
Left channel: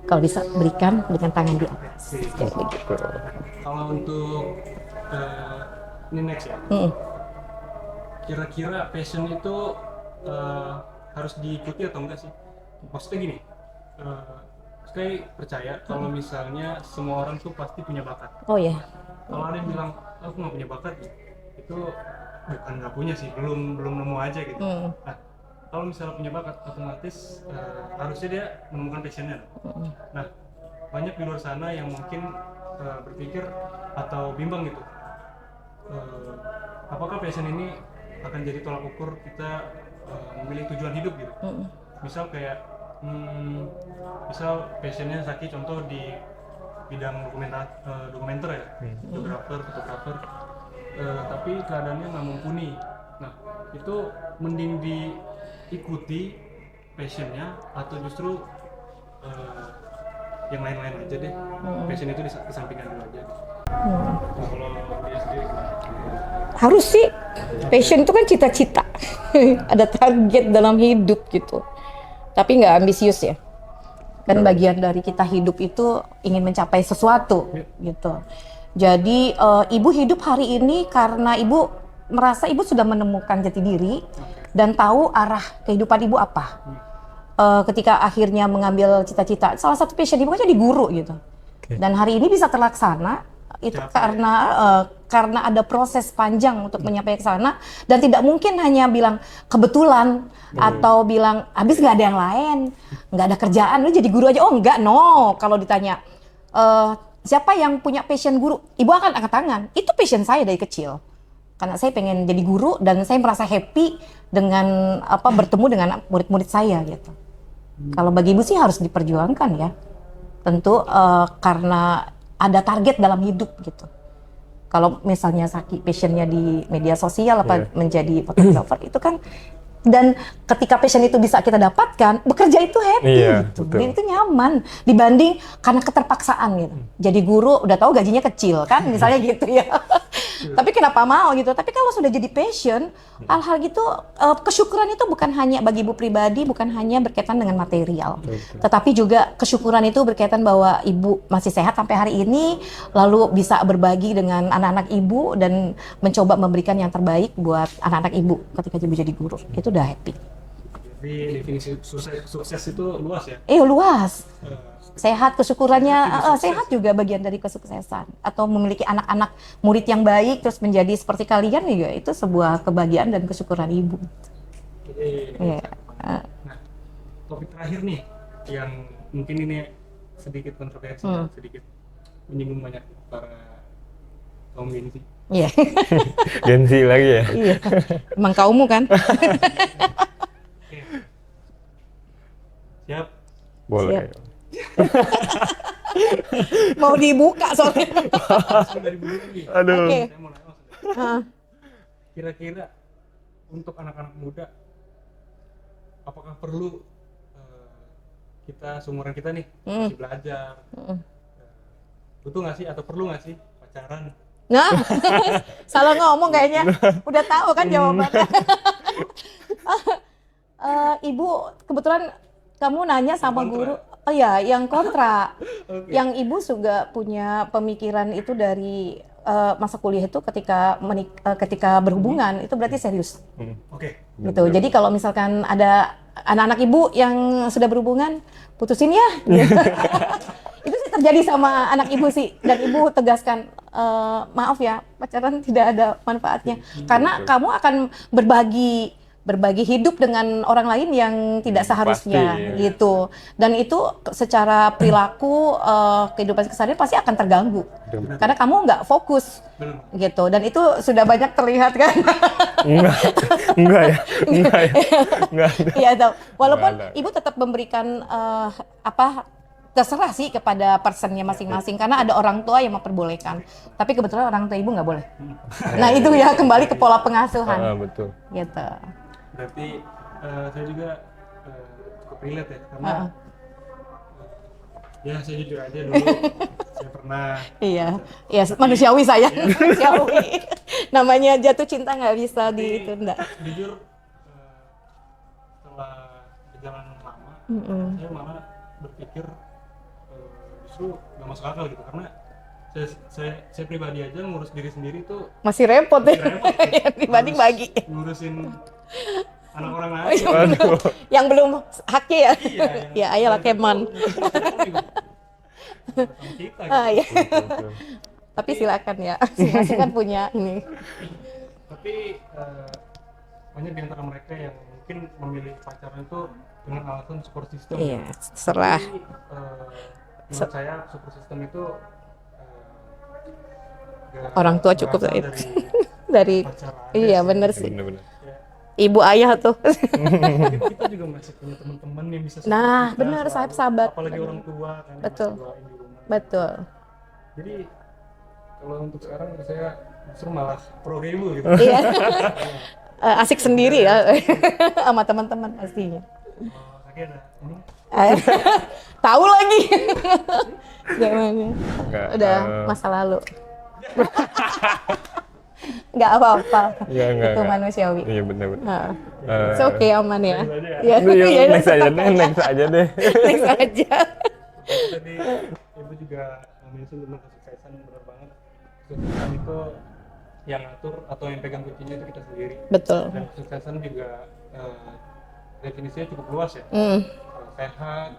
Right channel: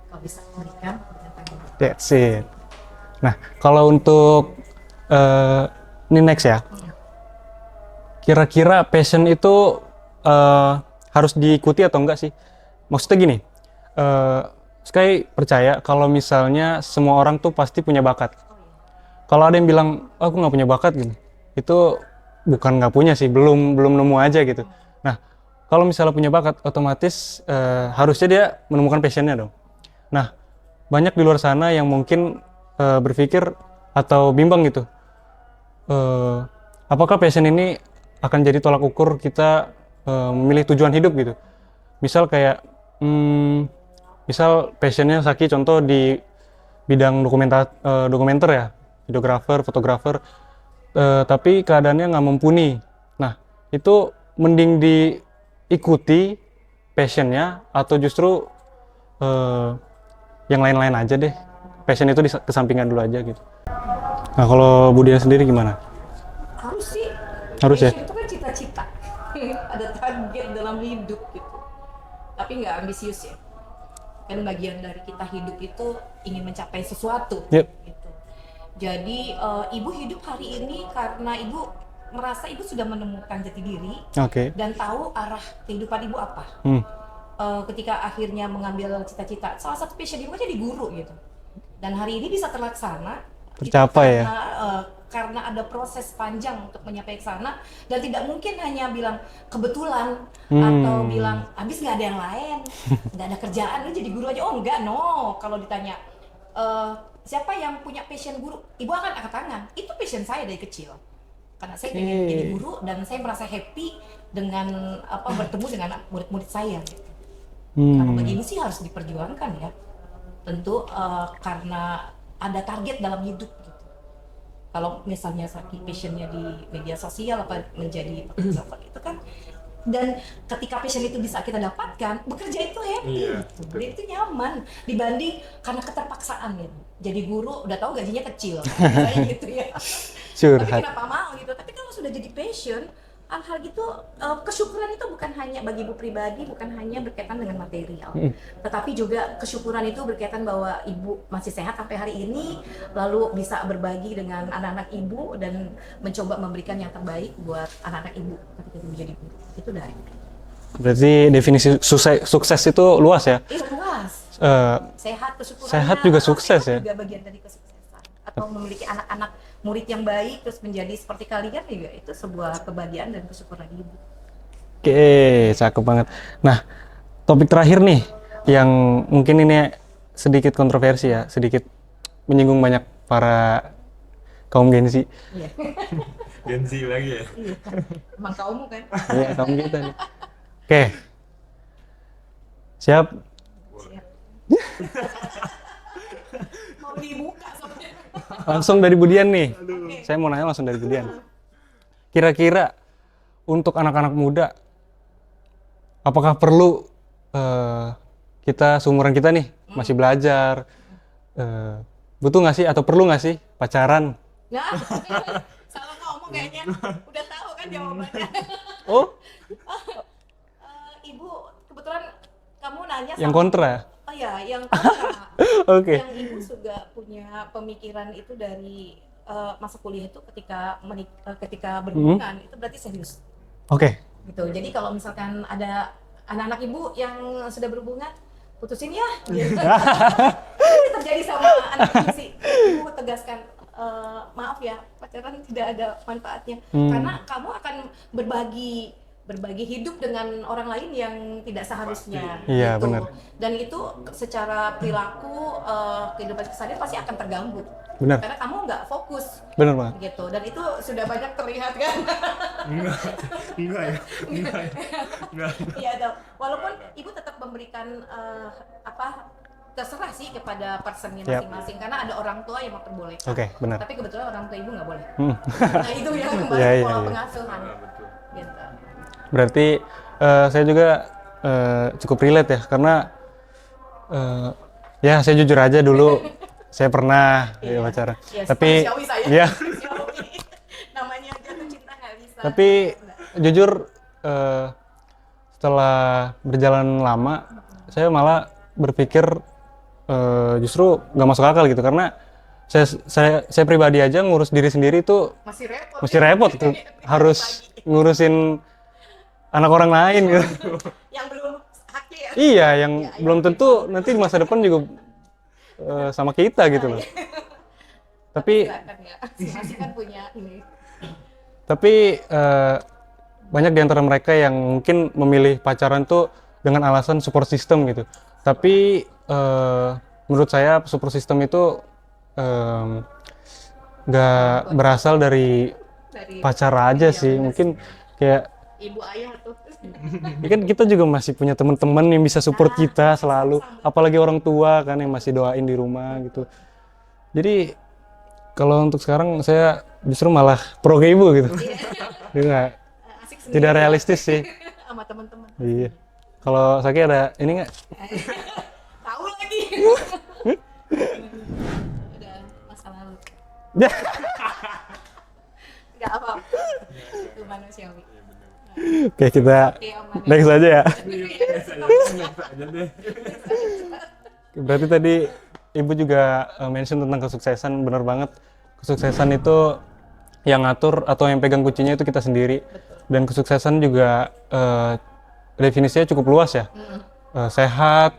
Kalau bisa berikan dengan tangan di atas. That's it. Kayak begitu. Nah, kalau untuk ini next ya. Kira-kira passion itu harus diikuti atau enggak sih? Maksudnya gini, Sky percaya kalau misalnya semua orang tuh pasti punya bakat. Oh ya. Kalau ada yang bilang, aku nggak punya bakat gitu, itu bukan nggak punya sih, belum nemu aja gitu. Nah, kalau misalnya punya bakat, otomatis harusnya dia menemukan passionnya dong. Nah, banyak di luar sana yang mungkin berpikir atau bimbang gitu. Apakah passion ini akan jadi tolak ukur kita memilih tujuan hidup gitu? Misal kayak, misal passionnya Saki contoh di bidang dokumenter ya, videografer, fotografer, tapi keadaannya nggak mumpuni. Nah, itu mending diikuti passionnya atau justru yang lain-lain aja deh. Passion itu kesampingan dulu aja gitu. Nah, kalau Budian sendiri gimana? Harus sih. Harus Passion itu kan cita-cita. Ada target dalam hidup gitu. Tapi nggak ambisius ya. Kan bagian dari kita hidup itu ingin mencapai sesuatu gitu. Jadi ibu hidup hari ini karena ibu merasa ibu sudah menemukan jati diri dan tahu arah kehidupan ibu apa. Ketika akhirnya mengambil cita-cita, salah satu passion ibu kan jadi guru gitu. Dan hari ini bisa terlaksana itu karena ada proses panjang untuk menyampai ke sana, dan tidak mungkin hanya bilang kebetulan atau bilang habis nggak ada yang lain, nggak ada kerjaan lu jadi guru aja. Oh enggak, no. Kalau ditanya siapa yang punya passion guru, ibu akan angkat tangan. Itu passion saya dari kecil, karena saya pengen jadi guru dan saya merasa happy dengan bertemu dengan murid-murid saya gitu. Kalau bagi ibu sih harus diperjuangkan ya, tentu karena ada target dalam hidup gitu. Kalau misalnya Saki passionnya di media sosial menjadi fotografer itu kan, dan ketika passion itu bisa kita dapatkan, bekerja itu happy gitu. Jadi itu nyaman dibanding karena keterpaksaan gitu. Jadi guru udah tahu gajinya kecil kan misalnya gitu ya. Tapi kenapa mau gitu? Tapi kalau sudah jadi passion, hal-hal gitu, kesyukuran itu bukan hanya bagi ibu pribadi, bukan hanya berkaitan dengan material, tetapi juga kesyukuran itu berkaitan bahwa ibu masih sehat sampai hari ini, lalu bisa berbagi dengan anak-anak ibu dan mencoba memberikan yang terbaik buat anak-anak ibu ketika ibu jadi guru. Itu udah happy. Berarti definisi sukses itu luas ya? Luas. Sehat, kesyukurannya. Sehat juga sukses sehat juga bagian dari kesuksesan. Atau memiliki anak-anak murid yang baik terus menjadi seperti kalian juga, itu sebuah kebahagiaan dan kesyukuran ibu. Oke, cakep banget. Nah, topik terakhir nih yang mungkin ini sedikit kontroversi ya, sedikit menyinggung banyak para kaum Gen Z. Iya. Gen Z lagi ya? Iya. Emang kaummu kan? Iya, kaum kita. Oke. Siap? Boleh. Siap. Mau dibuka soalnya. Langsung dari Budian nih. Aduh. Oke. Saya mau nanya langsung dari Budian. Kira-kira untuk anak-anak muda, apakah perlu kita seumuran kita nih masih belajar, butuh nggak sih atau perlu nggak sih pacaran? Nah, salah ngomong kayaknya. Udah tahu kan jawabannya. Oh, Ibu, kebetulan kamu nanya Yang sama kontra? guru. Oh iya, yang kontra. oke. Yang ibu juga punya pemikiran itu dari masa kuliah itu ketika berhubungan itu berarti serius Oke. gitu. Jadi kalau misalkan ada anak-anak ibu yang sudah berhubungan, putusin ya. Gitu. Ini terjadi sama anak ibu sih. Dan ibu tegaskan, maaf ya, pacaran tidak ada manfaatnya. Karena kamu akan berbagi hidup dengan orang lain yang tidak seharusnya Pasti, iya. gitu. Dan itu secara perilaku kehidupan keseharian pasti akan terganggu. Benar. Karena kamu nggak fokus Benar banget. gitu. Dan itu sudah banyak terlihat kan. Enggak ya, enggak ya. Enggak ada. Iya, tahu. Walaupun Nggak ada. ibu tetap memberikan terserah sih kepada personnya masing-masing karena ada orang tua yang memperbolehkan. Oke, benar. Tapi kebetulan orang tua ibu nggak boleh. Hmm. Nah itu ya kembali Iya, ke pola iya. pengasuhan Betul. gitu. Berarti saya juga cukup relate ya karena ya saya jujur aja dulu saya pernah Iya. pacaran. Iya, manusiawi saya. Iya. Manusiawi. Namanya jatuh cinta nggak bisa Tapi ditunda. jujur setelah berjalan lama saya malah berpikir justru nggak masuk akal gitu karena saya pribadi aja ngurus diri sendiri tuh Masih repot. mesti ya. repot gitu. Harus Dibagi-bagi. ngurusin anak orang lain kan. Yang belum haknya ya. Iya, yang Ya, ayolah, belum tentu Kemon. nanti masa depan juga sama kita gitu. Ah, iya. Tapi Tapi silakan ya. Masing-masing kan punya ini. tapi banyak di antara mereka yang mungkin memilih pacaran tuh dengan alasan support system gitu. terserah. Tapi menurut saya support system itu Orang nggak tua cukup berasal ya. dari Dari pacar aja Iya, sih. bener Mungkin sih. Bener-bener. kayak ibu ayah tuh. mungkin kita juga masih punya teman-teman yang bisa support Nah, kita benar, selalu. sahabat. Apalagi orang tua kan yang Betul. masih doain di rumah gitu. Betul. Jadi kalau untuk sekarang saya justru malah pro ke ibu gitu. Iya. Dia nggak- Asik sendiri ya. realistis sih. Sama teman-teman pastinya. Kalau Saki ada ini nggak? Tahu lagi. Jangan. Enggak. Udah masa lalu. Nggak apa-apa. Enggak. Itu manusiawi. Iya benar-benar. Nah, Oke kita oke aman ya. next aja ya. Iya, Next aja deh, next aja deh. Next aja. Berarti tadi ibu juga mention tentang kesuksesan, bener banget. Kesuksesan itu yang ngatur atau yang pegang kuncinya itu kita sendiri. Betul. Dan kesuksesan juga definisinya cukup luas ya. Sehat,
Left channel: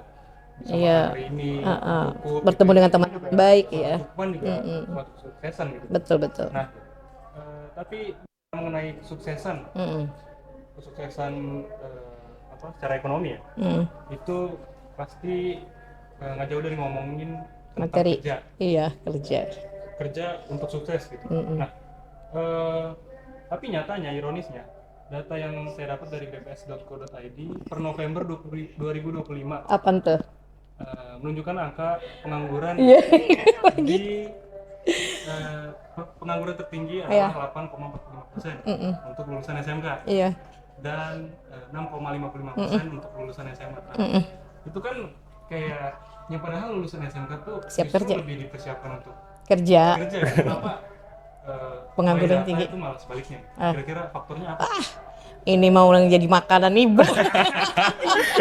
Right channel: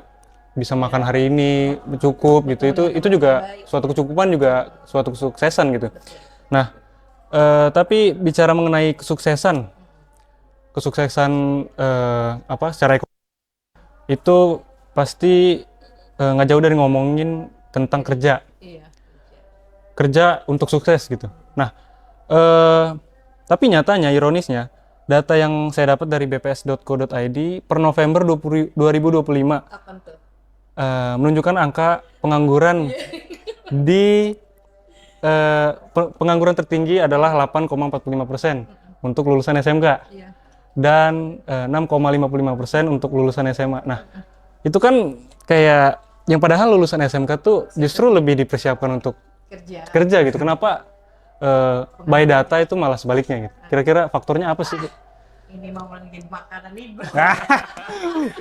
bisa Iya. makan hari ini, cukup gitu. Bertemu dengan Itu teman juga baik, suatu iya. kecukupan juga suatu kesuksesan gitu. Betul. Nah, tapi bicara mengenai kesuksesan, kesuksesan secara ekonomi ya, itu pasti nggak jauh dari ngomongin tentang Materi. kerja, Iya, kerja untuk sukses gitu. Nah, tapi nyatanya, ironisnya, data yang saya dapat dari bps.co.id per November 2025 Apa tuh? menunjukkan angka pengangguran Iya. di pengangguran tertinggi adalah 8,45% untuk lulusan SMK Iya. dan 6,55% untuk lulusan SMA. Nah, itu kan kayak yang padahal lulusan SMK tuh justru lebih dipersiapkan untuk Kerja. gitu. Kenapa by Pengangguran data tinggi. itu malah sebaliknya gitu? Kira-kira faktornya apa sih? Ini mau jadi makanan ibu.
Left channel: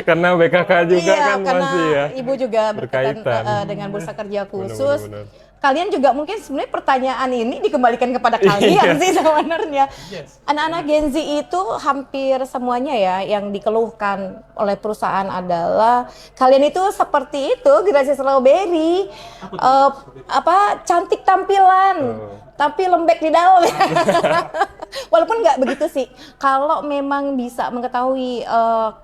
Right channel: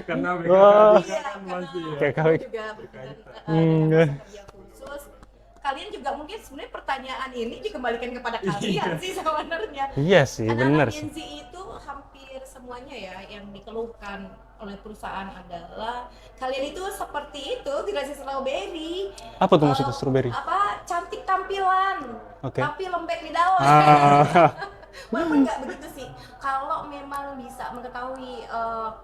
Karena BKK juga Iya, kan karena masih ya. ibu juga berkaitan Berkaitan. dengan bursa kerja khusus. Benar-benar. Kalian juga mungkin sebenarnya pertanyaan ini dikembalikan kepada kalian sih sebenarnya. Iya sih, Anak-anak benar. Gen Z itu hampir semuanya ya yang dikeluhkan oleh perusahaan adalah kalian itu seperti itu generasi strawberry. Apa tuh maksud strawberry? Cantik tampilan, oke. tapi lembek di dalam. Walaupun nggak begitu sih. Kalau memang bisa mengetahui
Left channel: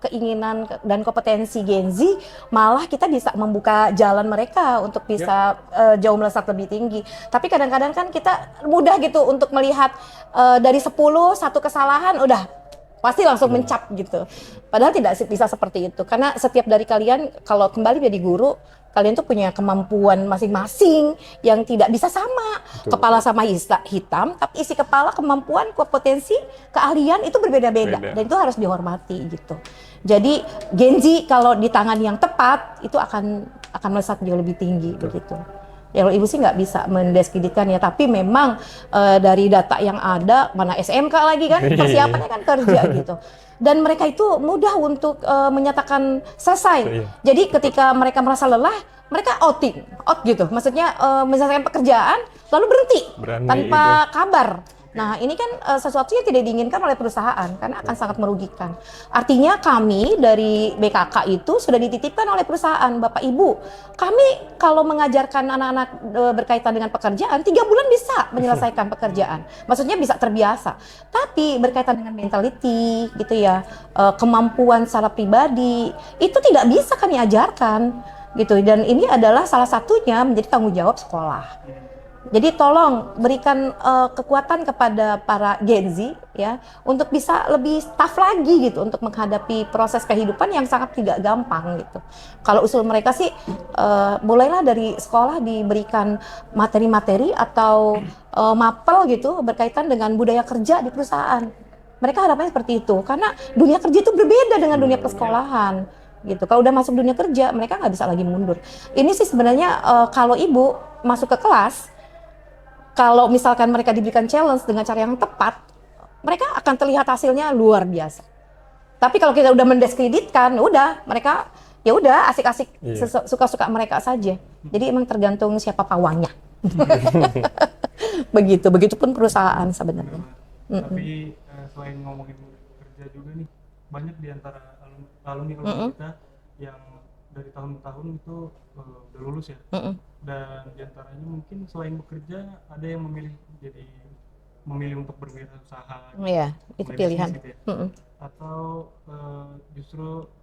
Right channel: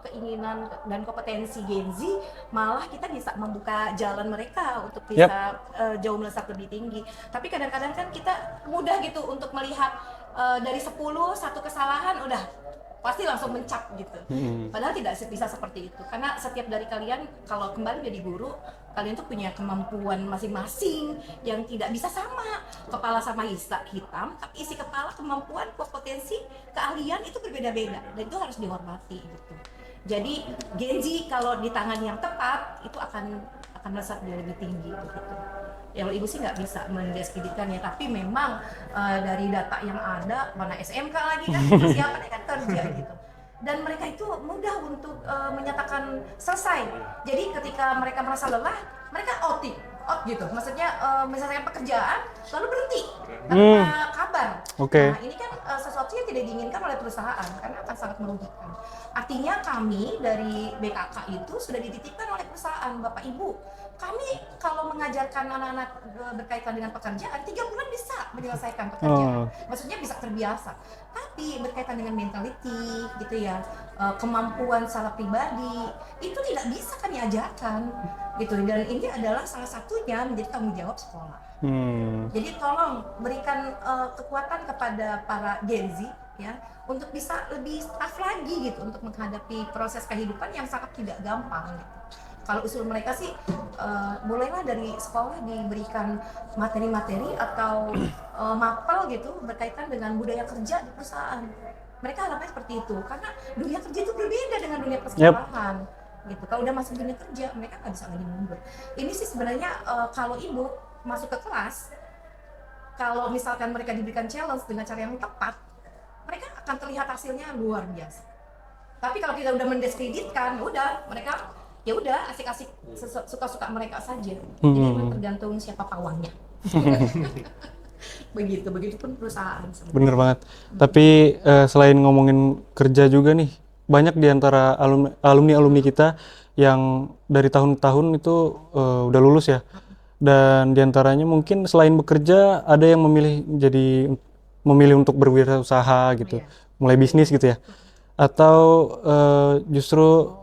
keinginan dan kompetensi Gen Z, malah kita bisa membuka jalan mereka untuk bisa jauh melesat lebih tinggi. Tapi kadang-kadang kan kita mudah gitu untuk melihat dari 10 satu kesalahan udah pasti langsung mencap gitu. Padahal tidak bisa seperti itu. Karena setiap dari kalian kalau kembali jadi guru, kalian tuh punya kemampuan masing-masing yang tidak bisa sama. Kepala sama hitam, tapi isi kepala, kemampuan, kompetensi, keahlian itu berbeda-beda. Beda. Dan itu harus dihormati gitu. Jadi Gen Z kalau di tangan yang tepat itu akan melesat jauh lebih tinggi begitu. Ya kalau ibu sih nggak bisa mendiskreditkan ya, tapi memang dari data yang ada, mana SMK lagi kan, persiapannya kan kerja gitu. Dan mereka itu mudah untuk menyatakan selesai. Jadi ketika mereka merasa lelah, mereka out gitu. Maksudnya menyelesaikan pekerjaan lalu berhenti tanpa kabar. Nah ini kan sesuatu yang tidak diinginkan oleh perusahaan karena akan sangat merugikan. Artinya kami dari BKK itu sudah dititipkan oleh perusahaan, Bapak Ibu. Kami kalau mengajarkan anak-anak berkaitan dengan pekerjaan 3 bulan bisa menyelesaikan pekerjaan. Maksudnya bisa terbiasa. Tapi berkaitan dengan mentality gitu ya, kemampuan secara pribadi itu tidak bisa kami ajarkan. Gitu, dan ini adalah salah satunya menjadi tanggung jawab sekolah. Jadi tolong berikan kekuatan kepada para Gen Z ya untuk bisa lebih tough lagi gitu untuk menghadapi proses kehidupan yang sangat tidak gampang gitu. Kalau usul mereka sih mulailah dari sekolah diberikan materi-materi atau mapel gitu berkaitan dengan budaya kerja di perusahaan. Mereka harapannya seperti itu karena dunia kerja itu berbeda dengan dunia persekolahan. Gitu. Kalau udah masuk dunia kerja, mereka nggak bisa lagi mundur. Ini sih sebenarnya kalau ibu masuk ke kelas, kalau misalkan mereka diberikan challenge dengan cara yang tepat, mereka akan terlihat hasilnya luar biasa. Tapi kalau kita udah mendiskreditkan, udah mereka ya udah asik-asik suka-suka mereka saja. Jadi emang tergantung siapa pawangnya. Begitupun perusahaan sebenarnya. Bener banget. Tapi selain ngomongin kerja juga nih, banyak di antara alumni kita yang dari tahun-tahun itu udah lulus ya. Dan di antaranya mungkin selain bekerja ada yang memilih untuk berwirausaha gitu. Mulai bisnis gitu ya. Atau justru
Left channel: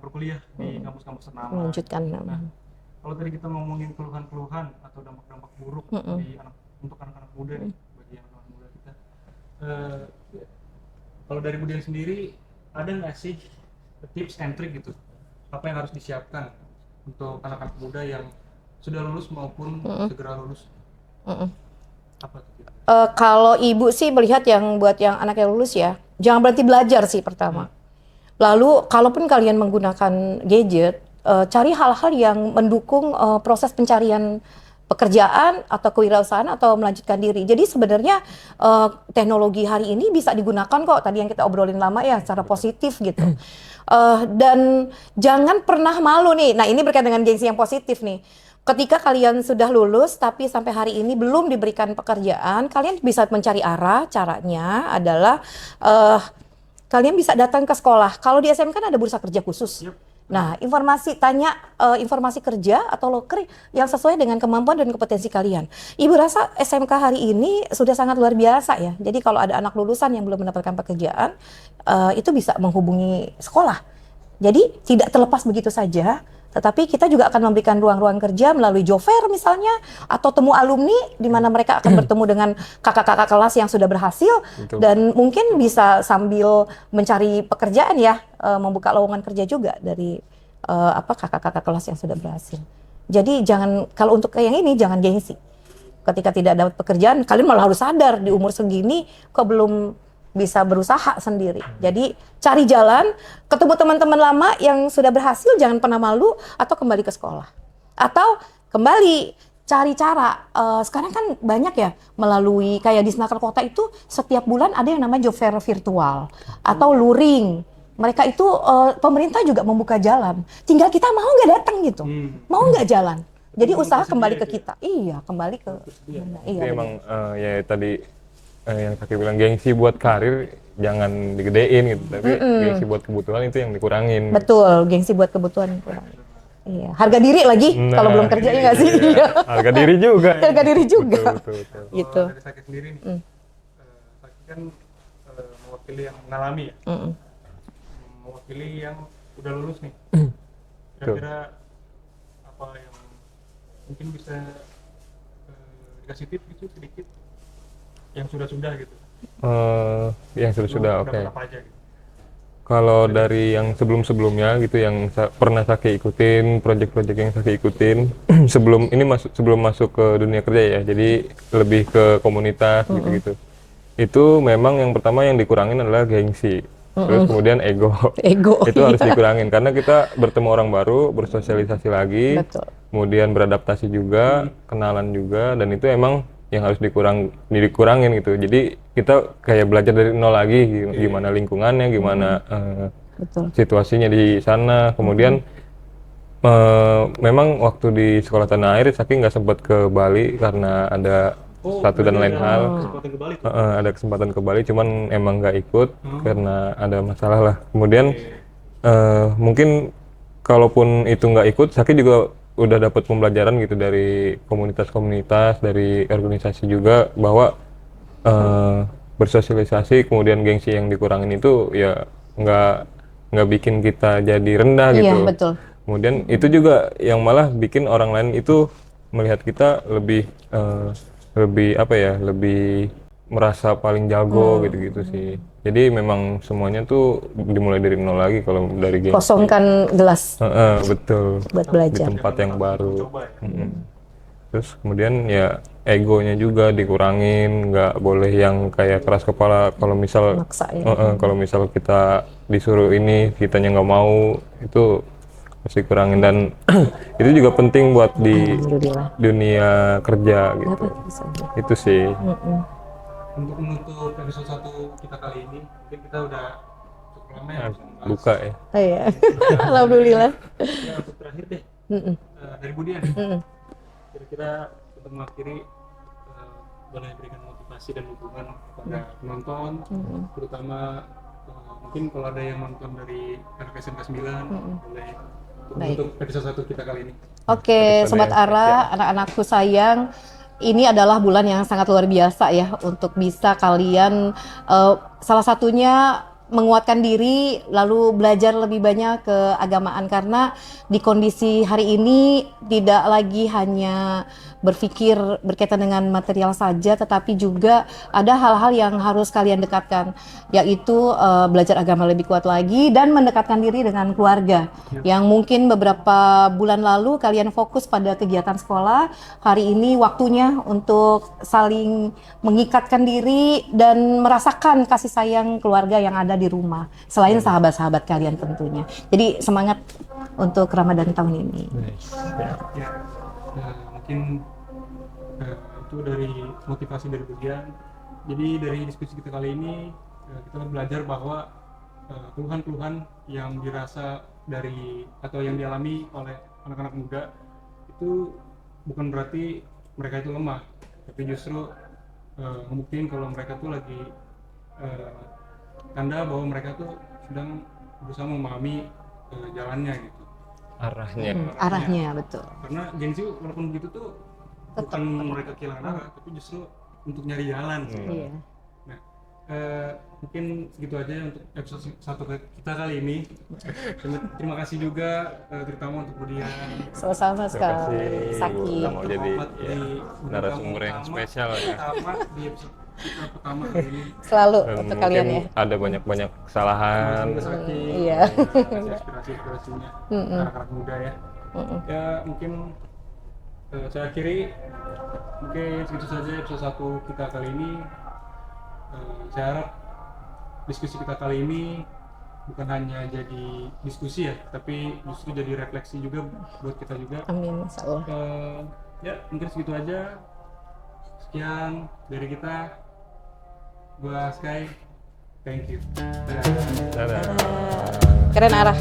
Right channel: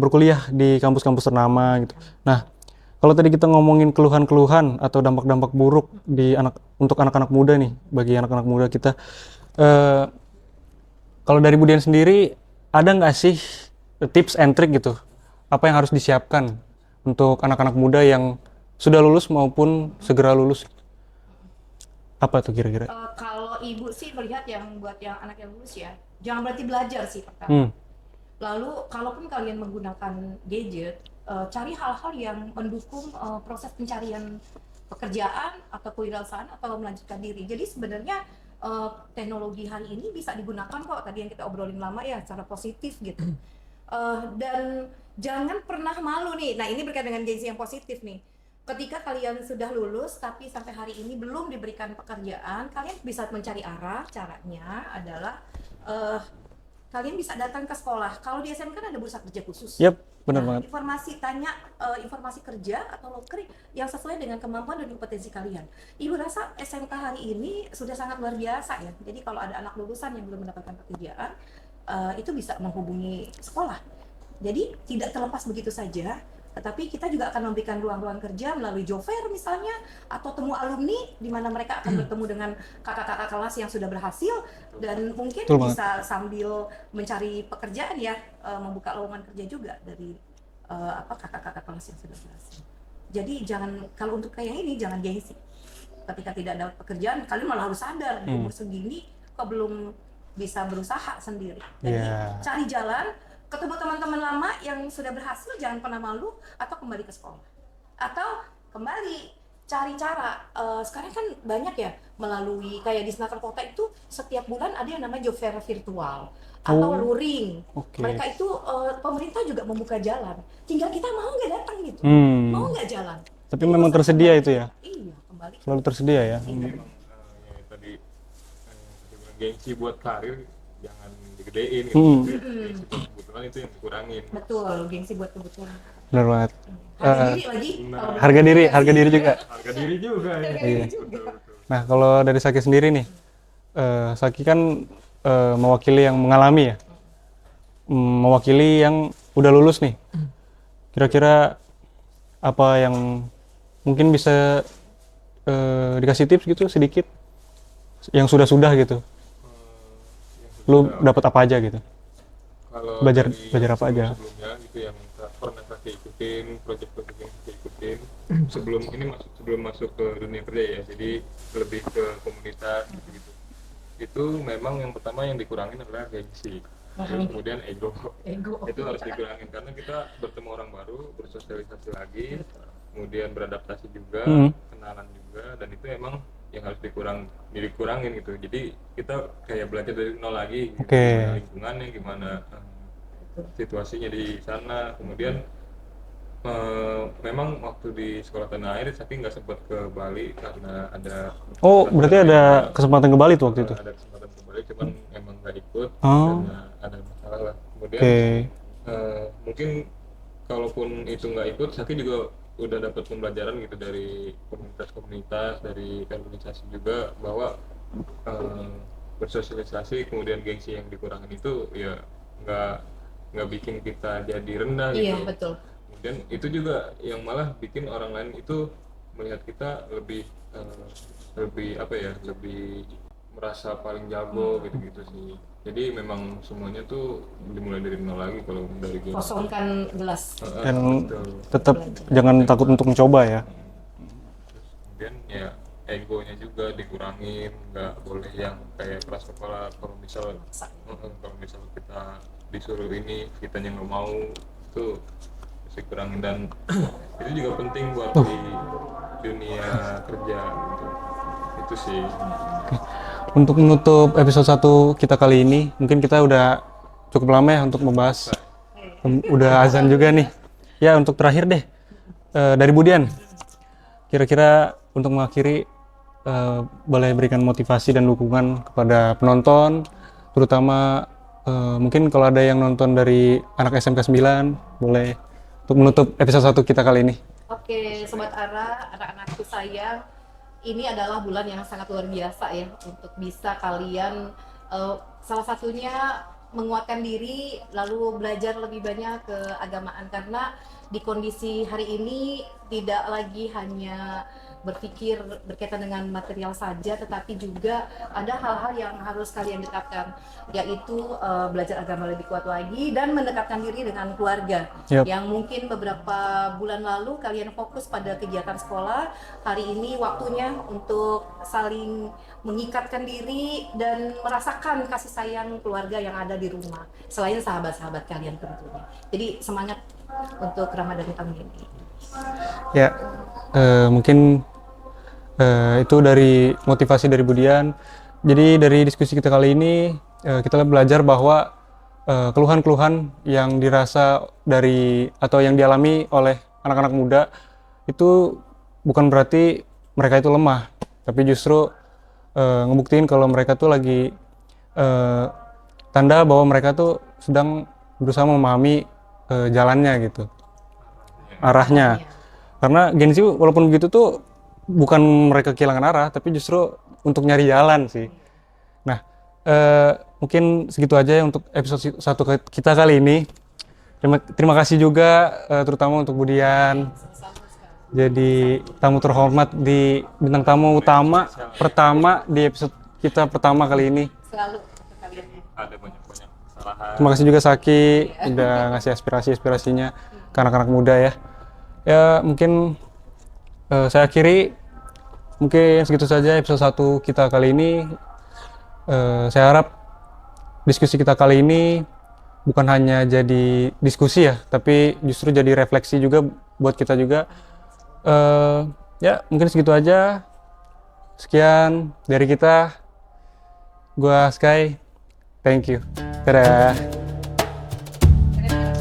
berkuliah di kampus-kampus ternama gitu. Nah, kalau tadi kita ngomongin keluhan-keluhan atau dampak-dampak buruk untuk anak-anak muda nih, bagi anak-anak muda kita, kalau dari Bu Dian sendiri, ada nggak sih tips and trick gitu? Apa yang harus disiapkan untuk anak-anak muda yang sudah lulus maupun segera lulus? Apa tuh kira-kira? Kalau ibu sih melihat buat yang anak yang lulus ya, jangan berhenti belajar sih pertama. Lalu, kalaupun kalian menggunakan gadget, cari hal-hal yang mendukung proses pencarian pekerjaan atau kewirausahaan atau melanjutkan diri. Jadi sebenarnya teknologi hari ini bisa digunakan kok, tadi yang kita obrolin lama ya, secara positif gitu. Dan jangan pernah malu nih, nah ini berkaitan dengan gengsi yang positif nih. Ketika kalian sudah lulus tapi sampai hari ini belum diberikan pekerjaan, kalian bisa mencari arah. Caranya adalah kalian bisa datang ke sekolah. Kalau di SMK kan ada bursa kerja khusus. Nah, informasi kerja atau loker yang sesuai dengan kemampuan dan kompetensi kalian. Ibu rasa SMK hari ini sudah sangat luar biasa ya. Jadi kalau ada anak lulusan yang belum mendapatkan pekerjaan, itu bisa menghubungi sekolah. Jadi tidak terlepas begitu saja. Tetapi kita juga akan memberikan ruang-ruang kerja melalui job fair misalnya, atau temu alumni di mana mereka akan bertemu dengan kakak-kakak kelas yang sudah berhasil. Dan mungkin bisa sambil mencari pekerjaan ya, membuka lowongan kerja juga dari kakak-kakak kelas yang sudah berhasil. Jadi kalau untuk yang ini jangan gengsi. Ketika tidak dapat pekerjaan, kalian malah harus sadar di umur segini kok belum bisa berusaha sendiri. Jadi cari jalan, ketemu teman-teman lama yang sudah berhasil, jangan pernah malu, atau kembali ke sekolah. Atau kembali cari cara, sekarang kan banyak ya, melalui kayak di Snaker Kota itu setiap bulan ada yang namanya job fair virtual atau luring. Mereka itu pemerintah juga membuka jalan, tinggal kita mau nggak datang gitu, mau nggak jalan. Tapi jadi usaha kembali ke kita. Iya, kembali ke. Selalu tersedia ya. Jadi emang ya tadi yang Saki bilang gengsi buat karir jangan digedein gitu, tapi gengsi buat kebutuhan itu yang dikurangin. Betul, gengsi buat kebutuhan kurang. Benar banget. Iya. Harga diri lagi kalau belum harga kerja diri, ya harga sih. diri juga. Harga diri juga. Harga diri juga. Betul. Nah, kalau dari Saki sendiri nih, Saki kan mewakili yang mengalami ya, mewakili yang udah lulus nih. Kira-kira apa yang mungkin bisa dikasih tips gitu sedikit? Yang sudah-sudah gitu. Yang Lu sudah dapat apa aja gitu? Kalau Belajar dari yang apa aja? sebelum-sebelumnya gitu yang pernah Saki ikutin, project-project yang Saki ikutin sebelum masuk ke dunia kerja ya. Jadi lebih ke komunitas gitu-gitu. Itu memang yang pertama yang dikurangin adalah gengsi. terus kemudian ego. Ego. Itu harus dikurangin karena kita bertemu orang baru, bersosialisasi lagi, Betul. kemudian beradaptasi juga, kenalan juga, dan itu emang yang harus dikurangin gitu. Jadi kita kayak belajar dari nol lagi, gimana lingkungannya, gimana Betul. situasinya di sana. Kemudian memang waktu di sekolah tanah air Saki nggak sempat ke Bali karena ada Oh, satu dan berarti lain ada hal. kesempatan ke Bali tuh waktu itu? Ada kesempatan ke Bali, cuman emang nggak ikut karena ada masalah lah. Kemudian mungkin kalaupun itu nggak ikut, Saki juga udah dapat pembelajaran gitu dari komunitas-komunitas, dari organisasi juga bahwa bersosialisasi, kemudian gengsi yang dikurangin itu ya nggak bikin kita jadi rendah Iya, gitu. betul. Kemudian itu juga yang malah bikin orang lain itu melihat kita lebih apa ya, lebih merasa paling jago gitu-gitu sih. Jadi memang semuanya tuh dimulai dari nol lagi kalau dari gengsi. Kosongkan gelas Betul. buat Tetap belajar. jangan yang takut baru. untuk mencoba ya. Terus kemudian ya egonya juga dikurangin, nggak boleh yang kayak keras kepala kalau misal Maksa ya. kalau misal kita disuruh ini kitanya nggak mau, itu mesti kurangin. Dan itu juga penting buat di Alhamdulillah. dunia kerja gitu. Itu sih. Untuk menutup episode 1 kita kali ini, mungkin kita udah cukup lama ya untuk membahas. Buka ya. Oh, iya. Udah azan juga nih. Alhamdulillah. Ya, untuk terakhir deh. Dari Budian. Kira-kira untuk mengakhiri, boleh berikan motivasi dan dukungan kepada penonton, terutama mungkin kalau ada yang nonton dari anak SMK 9, boleh untuk menutup episode 1 kita kali ini. Oke, Sobat Ara, anak-anakku sayang, ini adalah bulan yang sangat luar biasa ya untuk bisa kalian salah satunya menguatkan diri, lalu belajar lebih banyak keagamaan, karena di kondisi hari ini tidak lagi hanya berpikir berkaitan dengan material saja, tetapi juga ada hal-hal yang harus kalian dekatkan, yaitu belajar agama lebih kuat lagi dan mendekatkan diri dengan keluarga. Yap. Yang mungkin beberapa bulan lalu kalian fokus pada kegiatan sekolah, hari ini waktunya untuk saling mengikatkan diri dan merasakan kasih sayang keluarga yang ada di rumah, selain sahabat-sahabat kalian tentunya. Jadi semangat untuk Ramadan tahun ini. Ya, mungkin itu dari motivasi dari Budian. Jadi dari diskusi kita kali ini, kita belajar bahwa keluhan-keluhan yang dirasa dari atau yang dialami oleh anak-anak muda itu bukan berarti mereka itu lemah, tapi justru ngebuktiin kalau mereka tuh lagi tanda bahwa mereka tuh sedang berusaha memahami jalannya gitu, Arahnya. arahnya. Betul. Karena Gen Z walaupun begitu tuh bukan mereka kehilangan arah, tapi justru untuk nyari jalan sih. Iya. Nah, mungkin segitu aja ya untuk episode 1 kita kali ini. Terima kasih juga terutama untuk Budian Sama-sama sekali. jadi Saki. tamu terhormat di bintang tamu utama pertama di episode kita pertama kali ini. Selalu Dan untuk mungkin kalian ya. ada banyak kesalahan. Terima kasih juga Saki Iya. udah ngasih aspirasinya ke anak-anak muda ya. Ya mungkin saya akhiri, mungkin segitu saja episode 1 kita kali ini. Saya harap diskusi kita kali ini bukan hanya jadi diskusi ya, tapi justru jadi refleksi juga buat kita juga. Amin, insya Allah. Ya mungkin segitu aja. Sekian dari kita. Gua Sky. Thank you. Dadah. Dadah. Keren arah.